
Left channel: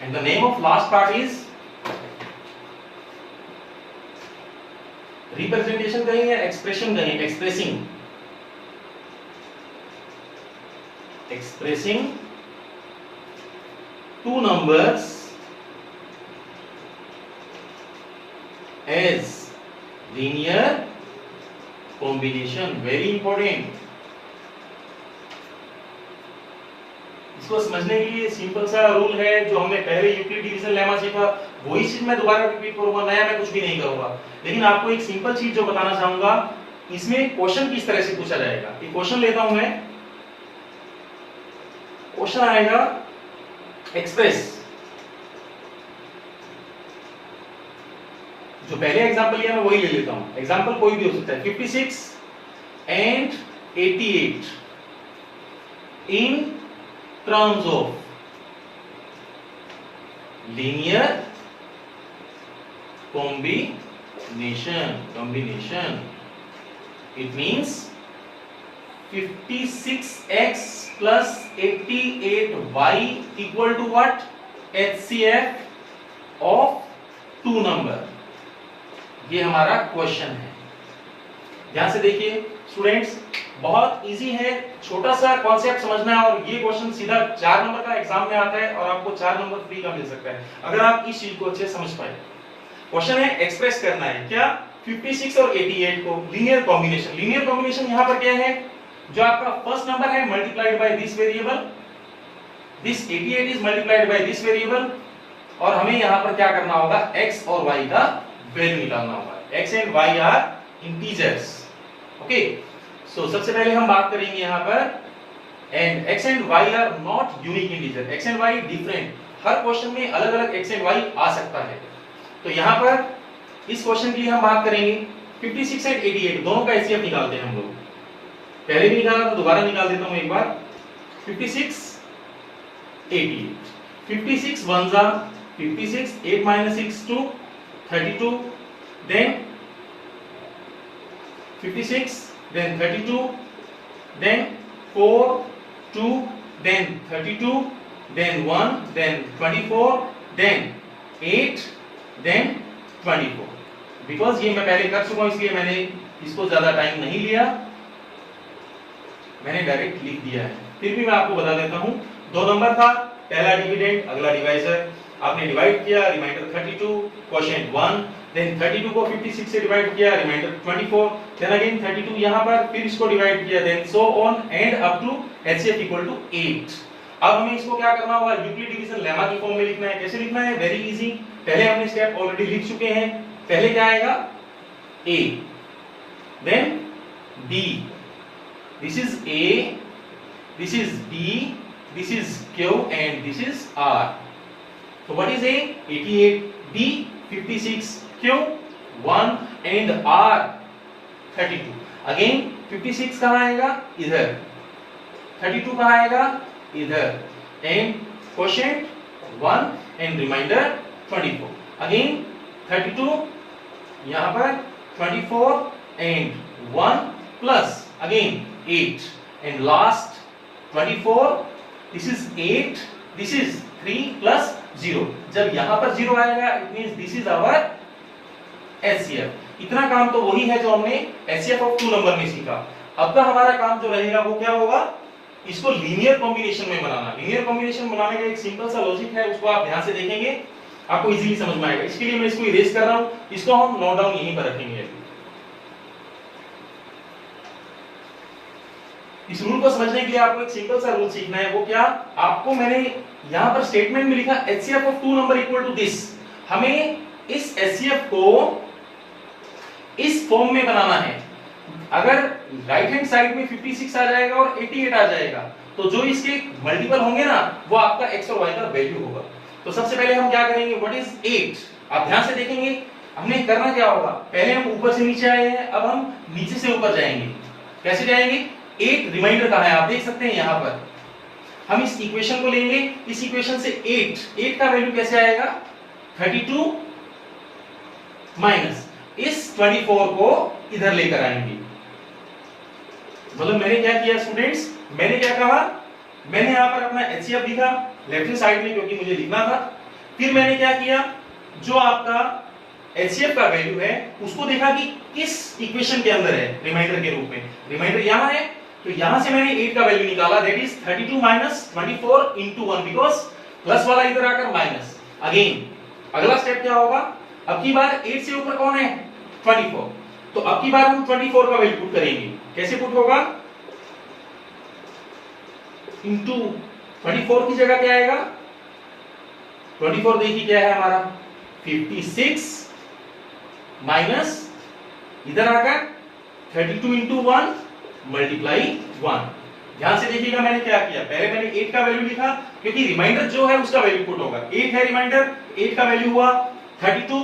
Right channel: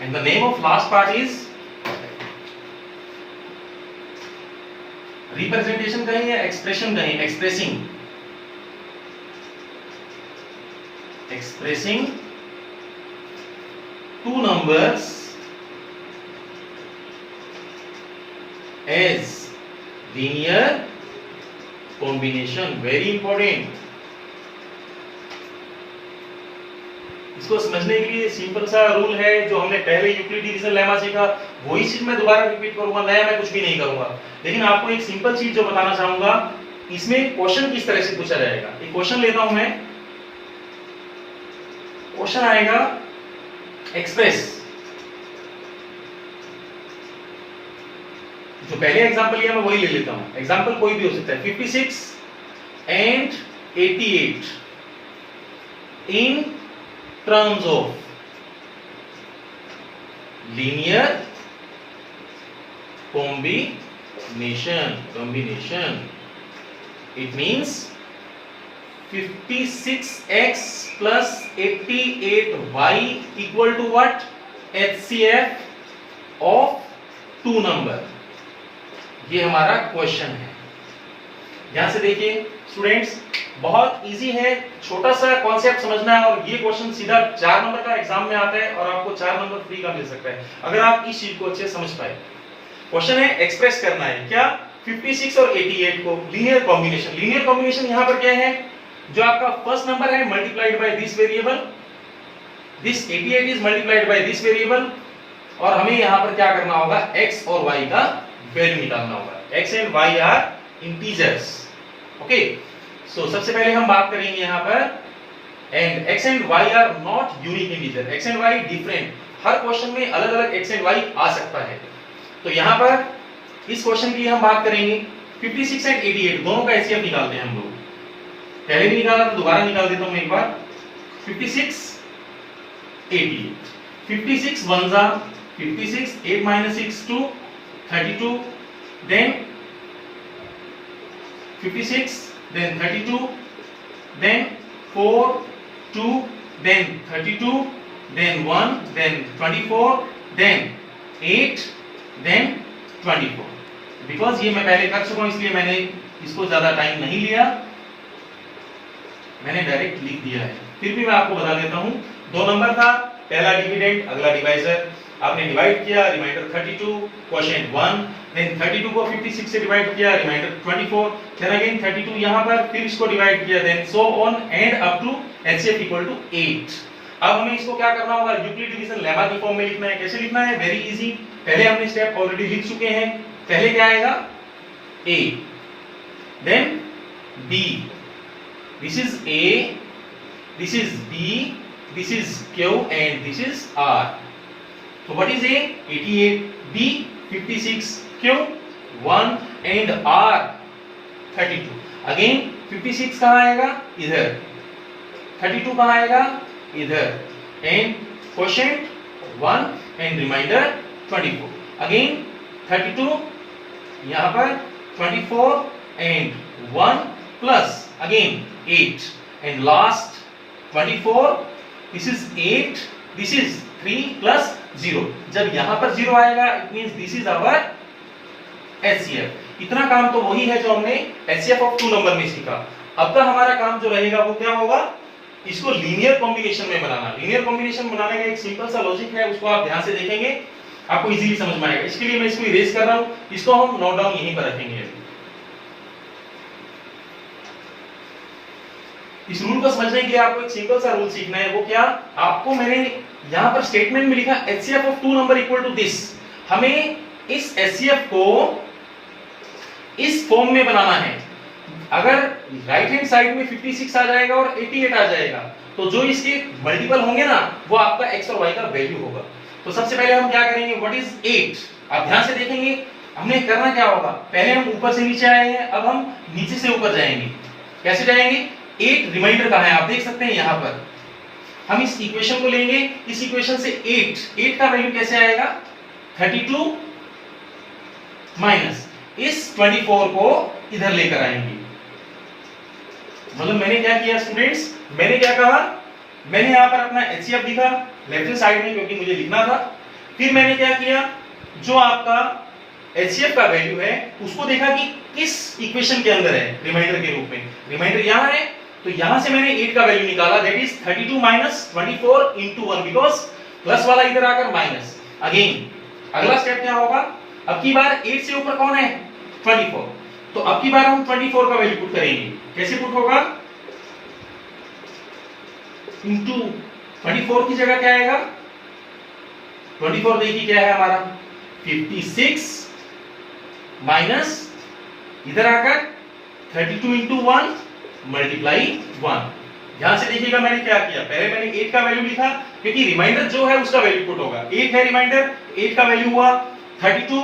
and the name of last part is representation कहें या expression कहें, expressing two numbers as linear combination, very important। इसको समझने के लिए सिंपल सा रूल है जो हमने पहले यूक्लिड डिवीजन लेमा सीखा, वही चीज मैं दोबारा रिपीट करूंगा, नया मैं कुछ भी नहीं करूंगा। लेकिन आपको एक सिंपल चीज जो बताना चाहूंगा, इसमें क्वेश्चन किस तरह से पूछा जाएगा। एक क्वेश्चन लेता हूं मैं, क्वेश्चन आएगा एक्सप्रेस, जो पहले एग्जांपल लिया मैं वही ले लेता हूं, एग्जांपल कोई भी हो सकता है। 56 and 88 in terms of linear combination, it means 56x plus 88y equal to what, HCF of two number। ये हमारा क्वेश्चन है। ध्यान से देखिए स्टूडेंट्स, बहुत इजी है, छोटा सा कॉन्सेप्ट समझना है, और ये क्वेश्चन सीधा 4 नंबर का एग्जाम में आता है और आपको 4 नंबर फ्री का मिल सकता है अगर आप इस चीज को अच्छे समझ पाए। क्वेश्चन है एक्सप्रेस करना है क्या, 56 और 88 को लीनियर कॉम्बिनेशन। लीनियर कॉम्बिनेशन यहां पर क्या है, जो आपका फर्स्ट नंबर है multiplied by this variable, this 88 is multiplied by this variable, और हमें यहां पर क्या करना होगा, x और y का वैल्यू निकालना होगा। x and y are integers. Okay, so सबसे पहले हम बात करेंगे यहां पर, and x and y are not unique integer, x and y different, हर क्वेश्चन में अलग अलग x एंड y आ सकता है। तो यहां पर इस क्वेश्चन की हम बात करेंगे 56 एंड 88 दोनों का एचसीएफ निकालते हैं हम लोग। पहले भी निकाला तो दोबारा निकाल देता हूं एक बार। 56 88, 56 1 जा 56, 8 minus 6 2 32, then 56, then 32, then 4 2, then 32, then 1, then 24, then 8, then 24। Because ये मैं पहले कर चुका हूं इसलिए मैंने इसको ज्यादा टाइम नहीं लिया, मैंने डायरेक्ट लिख दिया है। फिर भी मैं आपको बता देता हूं, दो नंबर था, पहला डिविडेंड अगला डिवाइजर, आपने डिवाइड किया रिमाइंडर 32 क्वोशिएंट 1, देन 32 को 56 से डिवाइड किया रिमाइंडर 24, देन अगेन 32 यहां पर, फिर इसको डिवाइड किया, then so on and up to HCF equal to 8। अब हमें इसको क्या करना होगा, यूक्लिड डिवीजन लेमा की फॉर्म में लिखना है। कैसे लिखना है, वेरी इजी, पहले हमने स्टेप ऑलरेडी लिख चुके हैं। पहले क्या आएगा, a, then b, this is a, this is b, this is q and this is r। So what is a, 88, b 56, q 1 and r 32। Again 56 कहां आएगा, इधर, 32 कहां आएगा, इधर, and quotient 1 and remainder 24। Again 32 यहां पर, 24 and 1 plus again 8 and last 24, this is 8, this is 3 plus 0। जब यहां पर 0 आएगा it means this is our HCF. इतना काम तो वही है जो हमने एचसीएफ ऑफ टू नंबर में सीखा। अब तक हमारा काम जो रहेगा वो क्या होगा, इसको लीनियर कॉम्बिनेशन में बनाना। लीनियर कॉम्बिनेशन बनाने का एक सिंपल सा लॉजिक है, उसको आप ध्यान से देखेंगे आपको इजीली समझ में आएगा। इसके लिए मैं इसको इरेज कर रहा हूं, इसको हम नोट डाउन यहीं पर रखेंगे। इस रूल को समझने के लिए आपको एक सिंपल सा रूल सीखना है। वो क्या, आपको मैंने यहां पर स्टेटमेंट में लिखा HCF of two number equal to this. हमें इस HCF को इस फॉर्म में बनाना है। अगर राइट हैंड साइड में 56 आ जाएगा और 88 आ जाएगा तो जो इसके मल्टीपल होंगे ना वो आपका x और y का वैल्यू होगा। तो सबसे पहले हम क्या करेंगे, व्हाट इज 8। आप ध्यान से देखेंगे हमने करना क्या होगा, पहले हम ऊपर से नीचे आए हैं, अब हम नीचे से ऊपर जाएंगे। कैसे जाएंगे, 8 रिमाइंडर कहां है आप देख सकते हैं यहां पर। हम इस इक्वेशन को लेंगे, इस इक्वेशन से 8 का वैल्यू कैसे आएगा, 32 माइनस इस 24 को इधर लेकर आएंगे। मतलब मैंने क्या किया स्टूडेंट्स, मैंने क्या कहा, मैंने यहां पर अपना HCF लिखा लेफ्ट हैंड साइड में क्योंकि मुझे लिखना था। फिर मैंने क्या किया, जो आपका HCF का वैल्यू है उसको देखा कि किस इक्वेशन के अंदर है रिमाइंडर के रूप में। रिमाइंडर यहां है तो यहां से मैंने 8 का वैल्यू निकाला, that is 32 minus 24 into 1, because plus वाला इधर आकर माइनस। अगेन अगला स्टेप क्या होगा, अब की बार 8 से ऊपर कौन है, 24। तो अब की बार हम 24 का वैल्यू पुट करेंगे। कैसे पुट होगा, इनटू 24 की जगह क्या आएगा, 24 देखिए क्या है हमारा 56 माइनस इधर आकर 32 इंटू 1 मल्टीप्लाई 1। ध्यान से देखिएगा मैंने क्या किया, पहले मैंने 8 का वैल्यू लिखा क्योंकि रिमाइंडर जो है उसका वैल्यू पुट होगा। 8 है रिमाइंडर, 8 का वैल्यू हुआ 32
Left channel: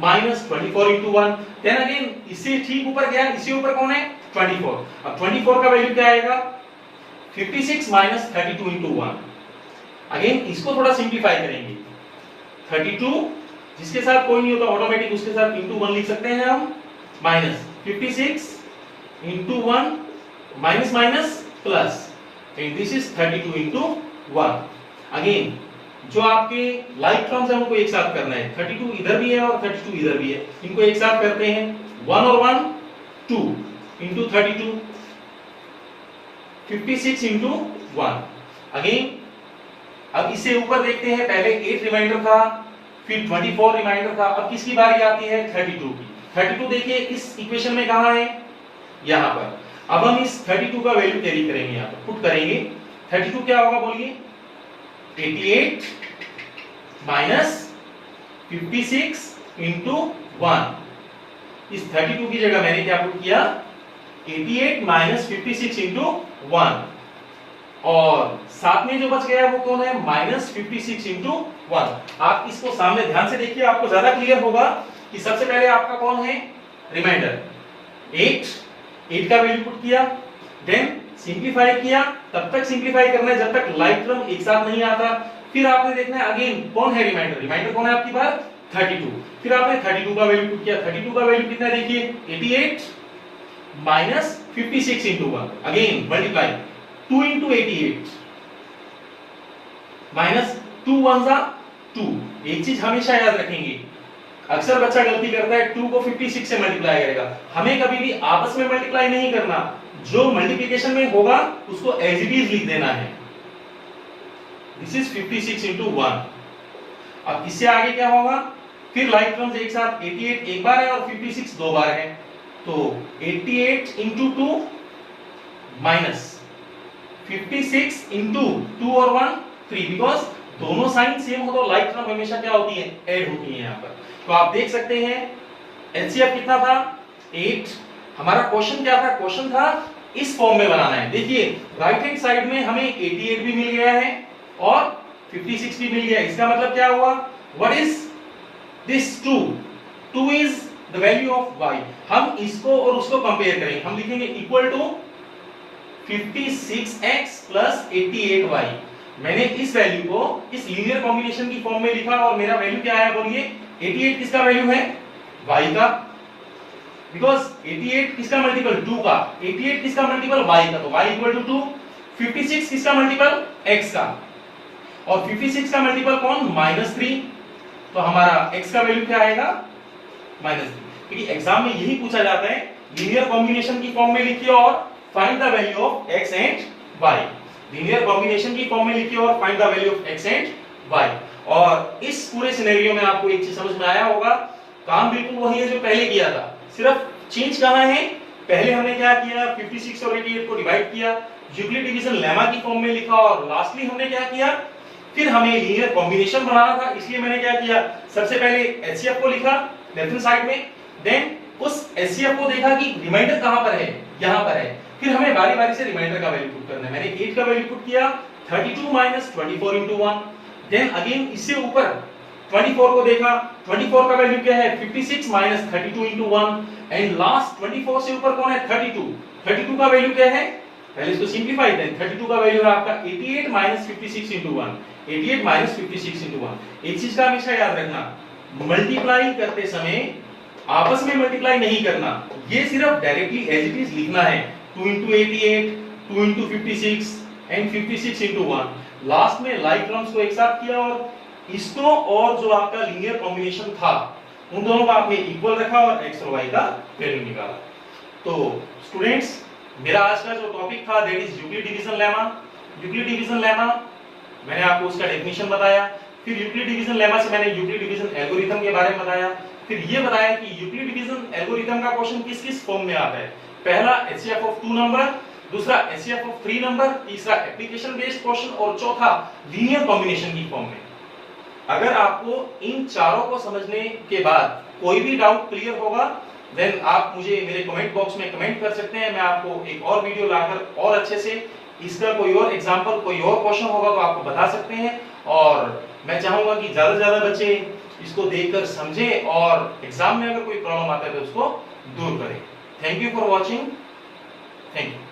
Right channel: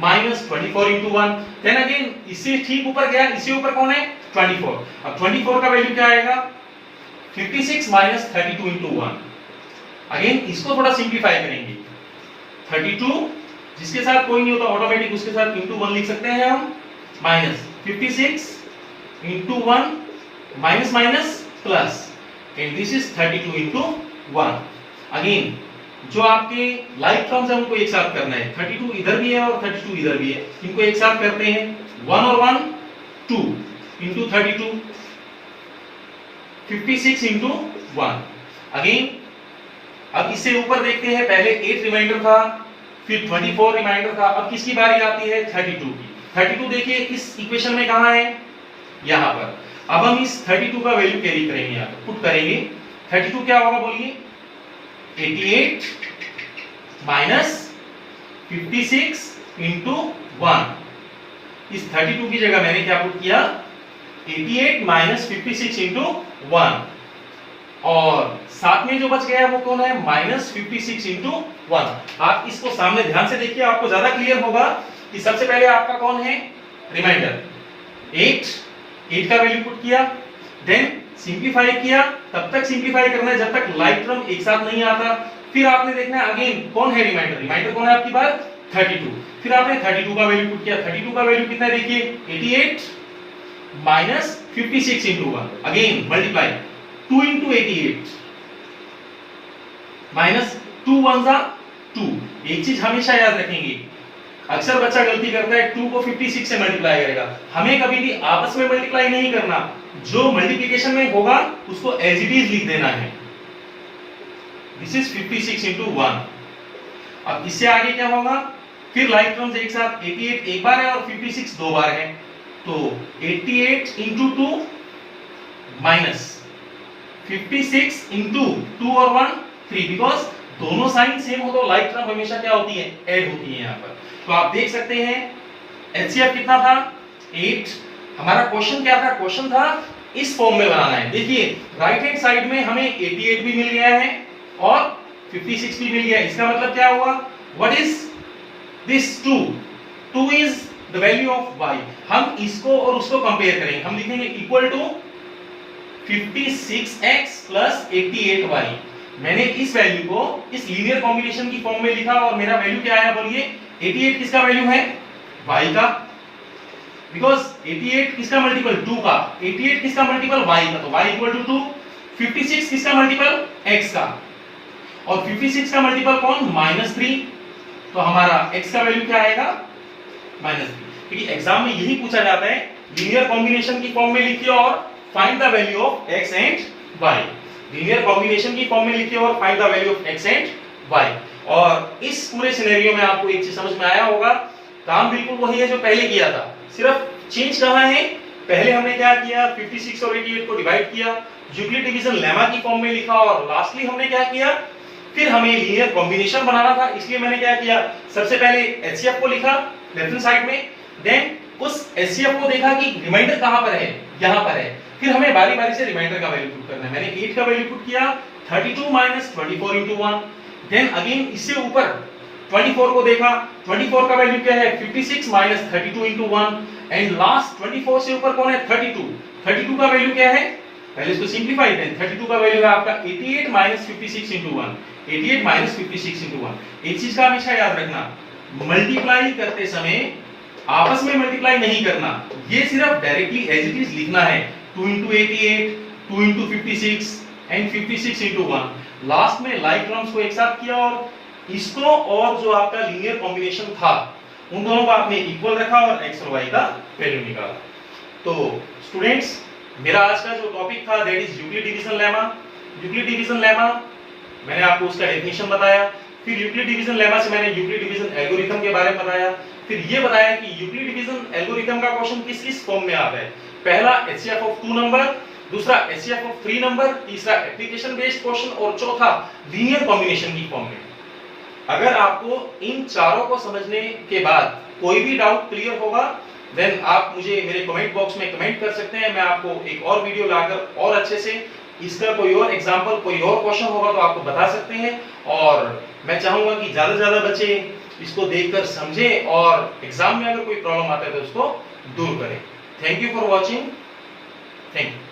माइनस 24 इंटू 1। देन अगेन इससे ठीक ऊपर गया, इससे ऊपर कौन है 24। अब 24 का वैल्यू क्या आएगा 56 माइनस 32 इंटू 1। अगेन इसको थोड़ा सिंप्लीफाई करेंगे, 32 जिसके साथ कोई नहीं होता ऑटोमेटिक उसके साथ इंटू 1 लिख सकते हैं हम, minus 56 into 1 minus minus plus, and this is 32 into 1। Again जो आपके लाइक टर्म्स है उनको एक साथ करना है, 32 इधर भी है और 32 इधर भी है, इनको एक साथ करते हैं, 1 और 1 2 इंटू 32, 56 इंटू 1। अगेन अब इससे ऊपर देखते हैं, पहले 8 रिमाइंडर था, फिर 24 रिमाइंडर था, अब किसकी बारी आती है 32 की। 32 देखिए इस इक्वेशन में कहां है, यहां पर। अब हम इस 32 का वैल्यू कैरी करेंगे, यहां पर पुट करेंगे। 32 क्या होगा बोलिए, 88 माइनस 56 इंटू 1। इस 32 की जगह मैंने क्या पुट किया, 88 माइनस 56 इंटू 1, और साथ में जो बच गया वो कौन है, माइनस 56 इंटू 1। आप इसको सामने ध्यान से देखिए, आपको ज्यादा क्लियर होगा कि सबसे पहले आपका कौन है रिमाइंडर, 8 का वैल्यू पुट किया, देन सिंप्लीफाई किया। तब तक सिंप्लीफाई करना है जब तक लाइक टर्म एक साथ नहीं आता। फिर आपने देखना है अगेन कौन है रिमाइंडर, रिमाइंडर कौन है आपकी बार 32। फिर आपने 32 का वैल्यू पुट किया, 32 का वैल्यू कितना है देखिए 88 minus 56 into 1, again multiply 2 into 88 minus 2 1 जा 2। एक चीज हमेशा याद रखेंगे, अक्सर बच्चा गलती करता है 2 को 56 से मल्टीप्लाई करेगा। हमें कभी भी आपस में मल्टीप्लाई नहीं करना, जो मल्टीप्लिकेशन में होगा उसको एज इट इज लिख देना है। This is 56 into 1। अब इससे आगे क्या होगा, फिर लाइक टर्म्स एक साथ, 88 एक बार है और 56 दो बार है, तो 88 इंटू 2 माइनस 56 इंटू 2 और 1 3, बिकॉज दोनों साइन सेम हो तो लाइक टर्म हमेशा क्या होती है, ऐड होती है यहाँ पर। तो आप देख सकते हैं एलसीएफ कितना था 8। हमारा क्वेश्चन क्या था, क्वेश्चन था इस फॉर्म में बनाना है। देखिए राइट हैंड साइड में हमें 88 भी मिल गया है और 56 भी मिल गया है। इसका मतलब क्या हुआ, what is this 2 is the value of y। हम इसको और उसको कंपेयर करेंगे, हम लिखेंगे equal to 56x plus 88y। मैंने इस वैल्यू को इस लीनियर कॉम्बिनेशन की फॉर्म में लिखा और मेरा वैल्यू क्या आया बोलिए, 88 किसका वैल्यू है, y का, बिकॉज 88 किसका मल्टीपल 2 का, 88 किसका मल्टीपल y का, तो y इक्वल टू 2। 56 किसका मल्टीपल x का, और 56 का मल्टीपल कौन, -3। तो हमारा x का वैल्यू क्या आएगा, -3। क्योंकि एग्जाम में यही पूछा जाता है, लीनियर कॉम्बिनेशन की फॉर्म में लिखिए और find the value of x and y। Linear combination की फॉर्म में लिखिए और find the value of x and y। और इस पूरे सिनेरियो में आपको एक चीज समझ में आया होगा, काम बिल्कुल वही है जो पहले किया था, सिर्फ चेंज कहां है, पहले हमने क्या किया, 56 और 88 को डिवाइड किया, यूक्लिड डिवीजन लेमा की फॉर्म में लिखा, और लास्टली हमने क्या किया, फिर हमें लीनियर कॉम्बिनेशन बनाना था, इसलिए मैंने क्या किया, सबसे पहले एचसीएफ को लिखा लेफ्ट हैंड साइड में, देन उस एचसीएफ को देखा कि रिमाइंडर कहां पर है, यहां पर है, फिर हमें बारी बारी से रिमाइंडर का वैल्यू पुट करना है। मैंने 8 का वैल्यू पुट किया, 32 माइनस 24 into 1, देन अगेन इससे ऊपर 24 को देखा, 24 का वैल्यू क्या है, 56 माइनस 32 into 1, एंड लास्ट 24 से ऊपर कौन है, 32, 32 का वैल्यू क्या है, पहले इसको सिंपलीफाई, देन 32 का वैल्यू है आपका 88 माइनस 56 into 1, 88 माइनस 56 into 1। एक चीज का हमेशा याद रखना, मल्टीप्लाई करते समय आपस में मल्टीप्लाई नहीं करना, ये सिर्फ डायरेक्टली एज इट इज लिखना है, 2 into 88, 2 into 56 and 56 into 1। Last में लाइक टर्म्स को एक साथ किया और इसको और जो आपका लीनियर कॉम्बिनेशन था उन दोनों को आपने इक्वल रखा और x और y का वैल्यू निकाला। तो स्टूडेंट्स, मेरा आज का जो टॉपिक था that is Euclid division lemma. Euclid division lemma मैंने आपको उसका डेफिनेशन बताया, फिर यूक्लिड डिवीजन लेमा से मैंने यूक्लिड डिवीजन एल्गोरिथम के बारे में बताया, फिर ये बताया कि यूक्लिड डिवीजन एल्गोरिथम का क्वेश्चन किस किस फॉर्म में आता है। पहला एचसीएफ ऑफ 2 नंबर, दूसरा एचसीएफ ऑफ 3 नंबर, तीसरा एप्लीकेशन बेस्ड क्वेश्चन, और चौथा लीनियर कॉम्बिनेशन की फॉर्म में। अगर आपको इन चारों को समझने के बाद कोई भी डाउट क्लियर होगा, देन आप मुझे मेरे कमेंट बॉक्स में कमेंट कर सकते हैं। मैं आपको एक और वीडियो लाकर और अच्छे से इसका कोई और एग्जांपल, कोई और क्वेश्चन होगा तो आपको बता सकते हैं। और मैं चाहूंगा कि ज्यादा से ज्यादा बच्चे इसको देखकर समझें और एग्जाम में अगर कोई प्रॉब्लम आता है तो उसको दूर करें। Thank you for watching. Thank you.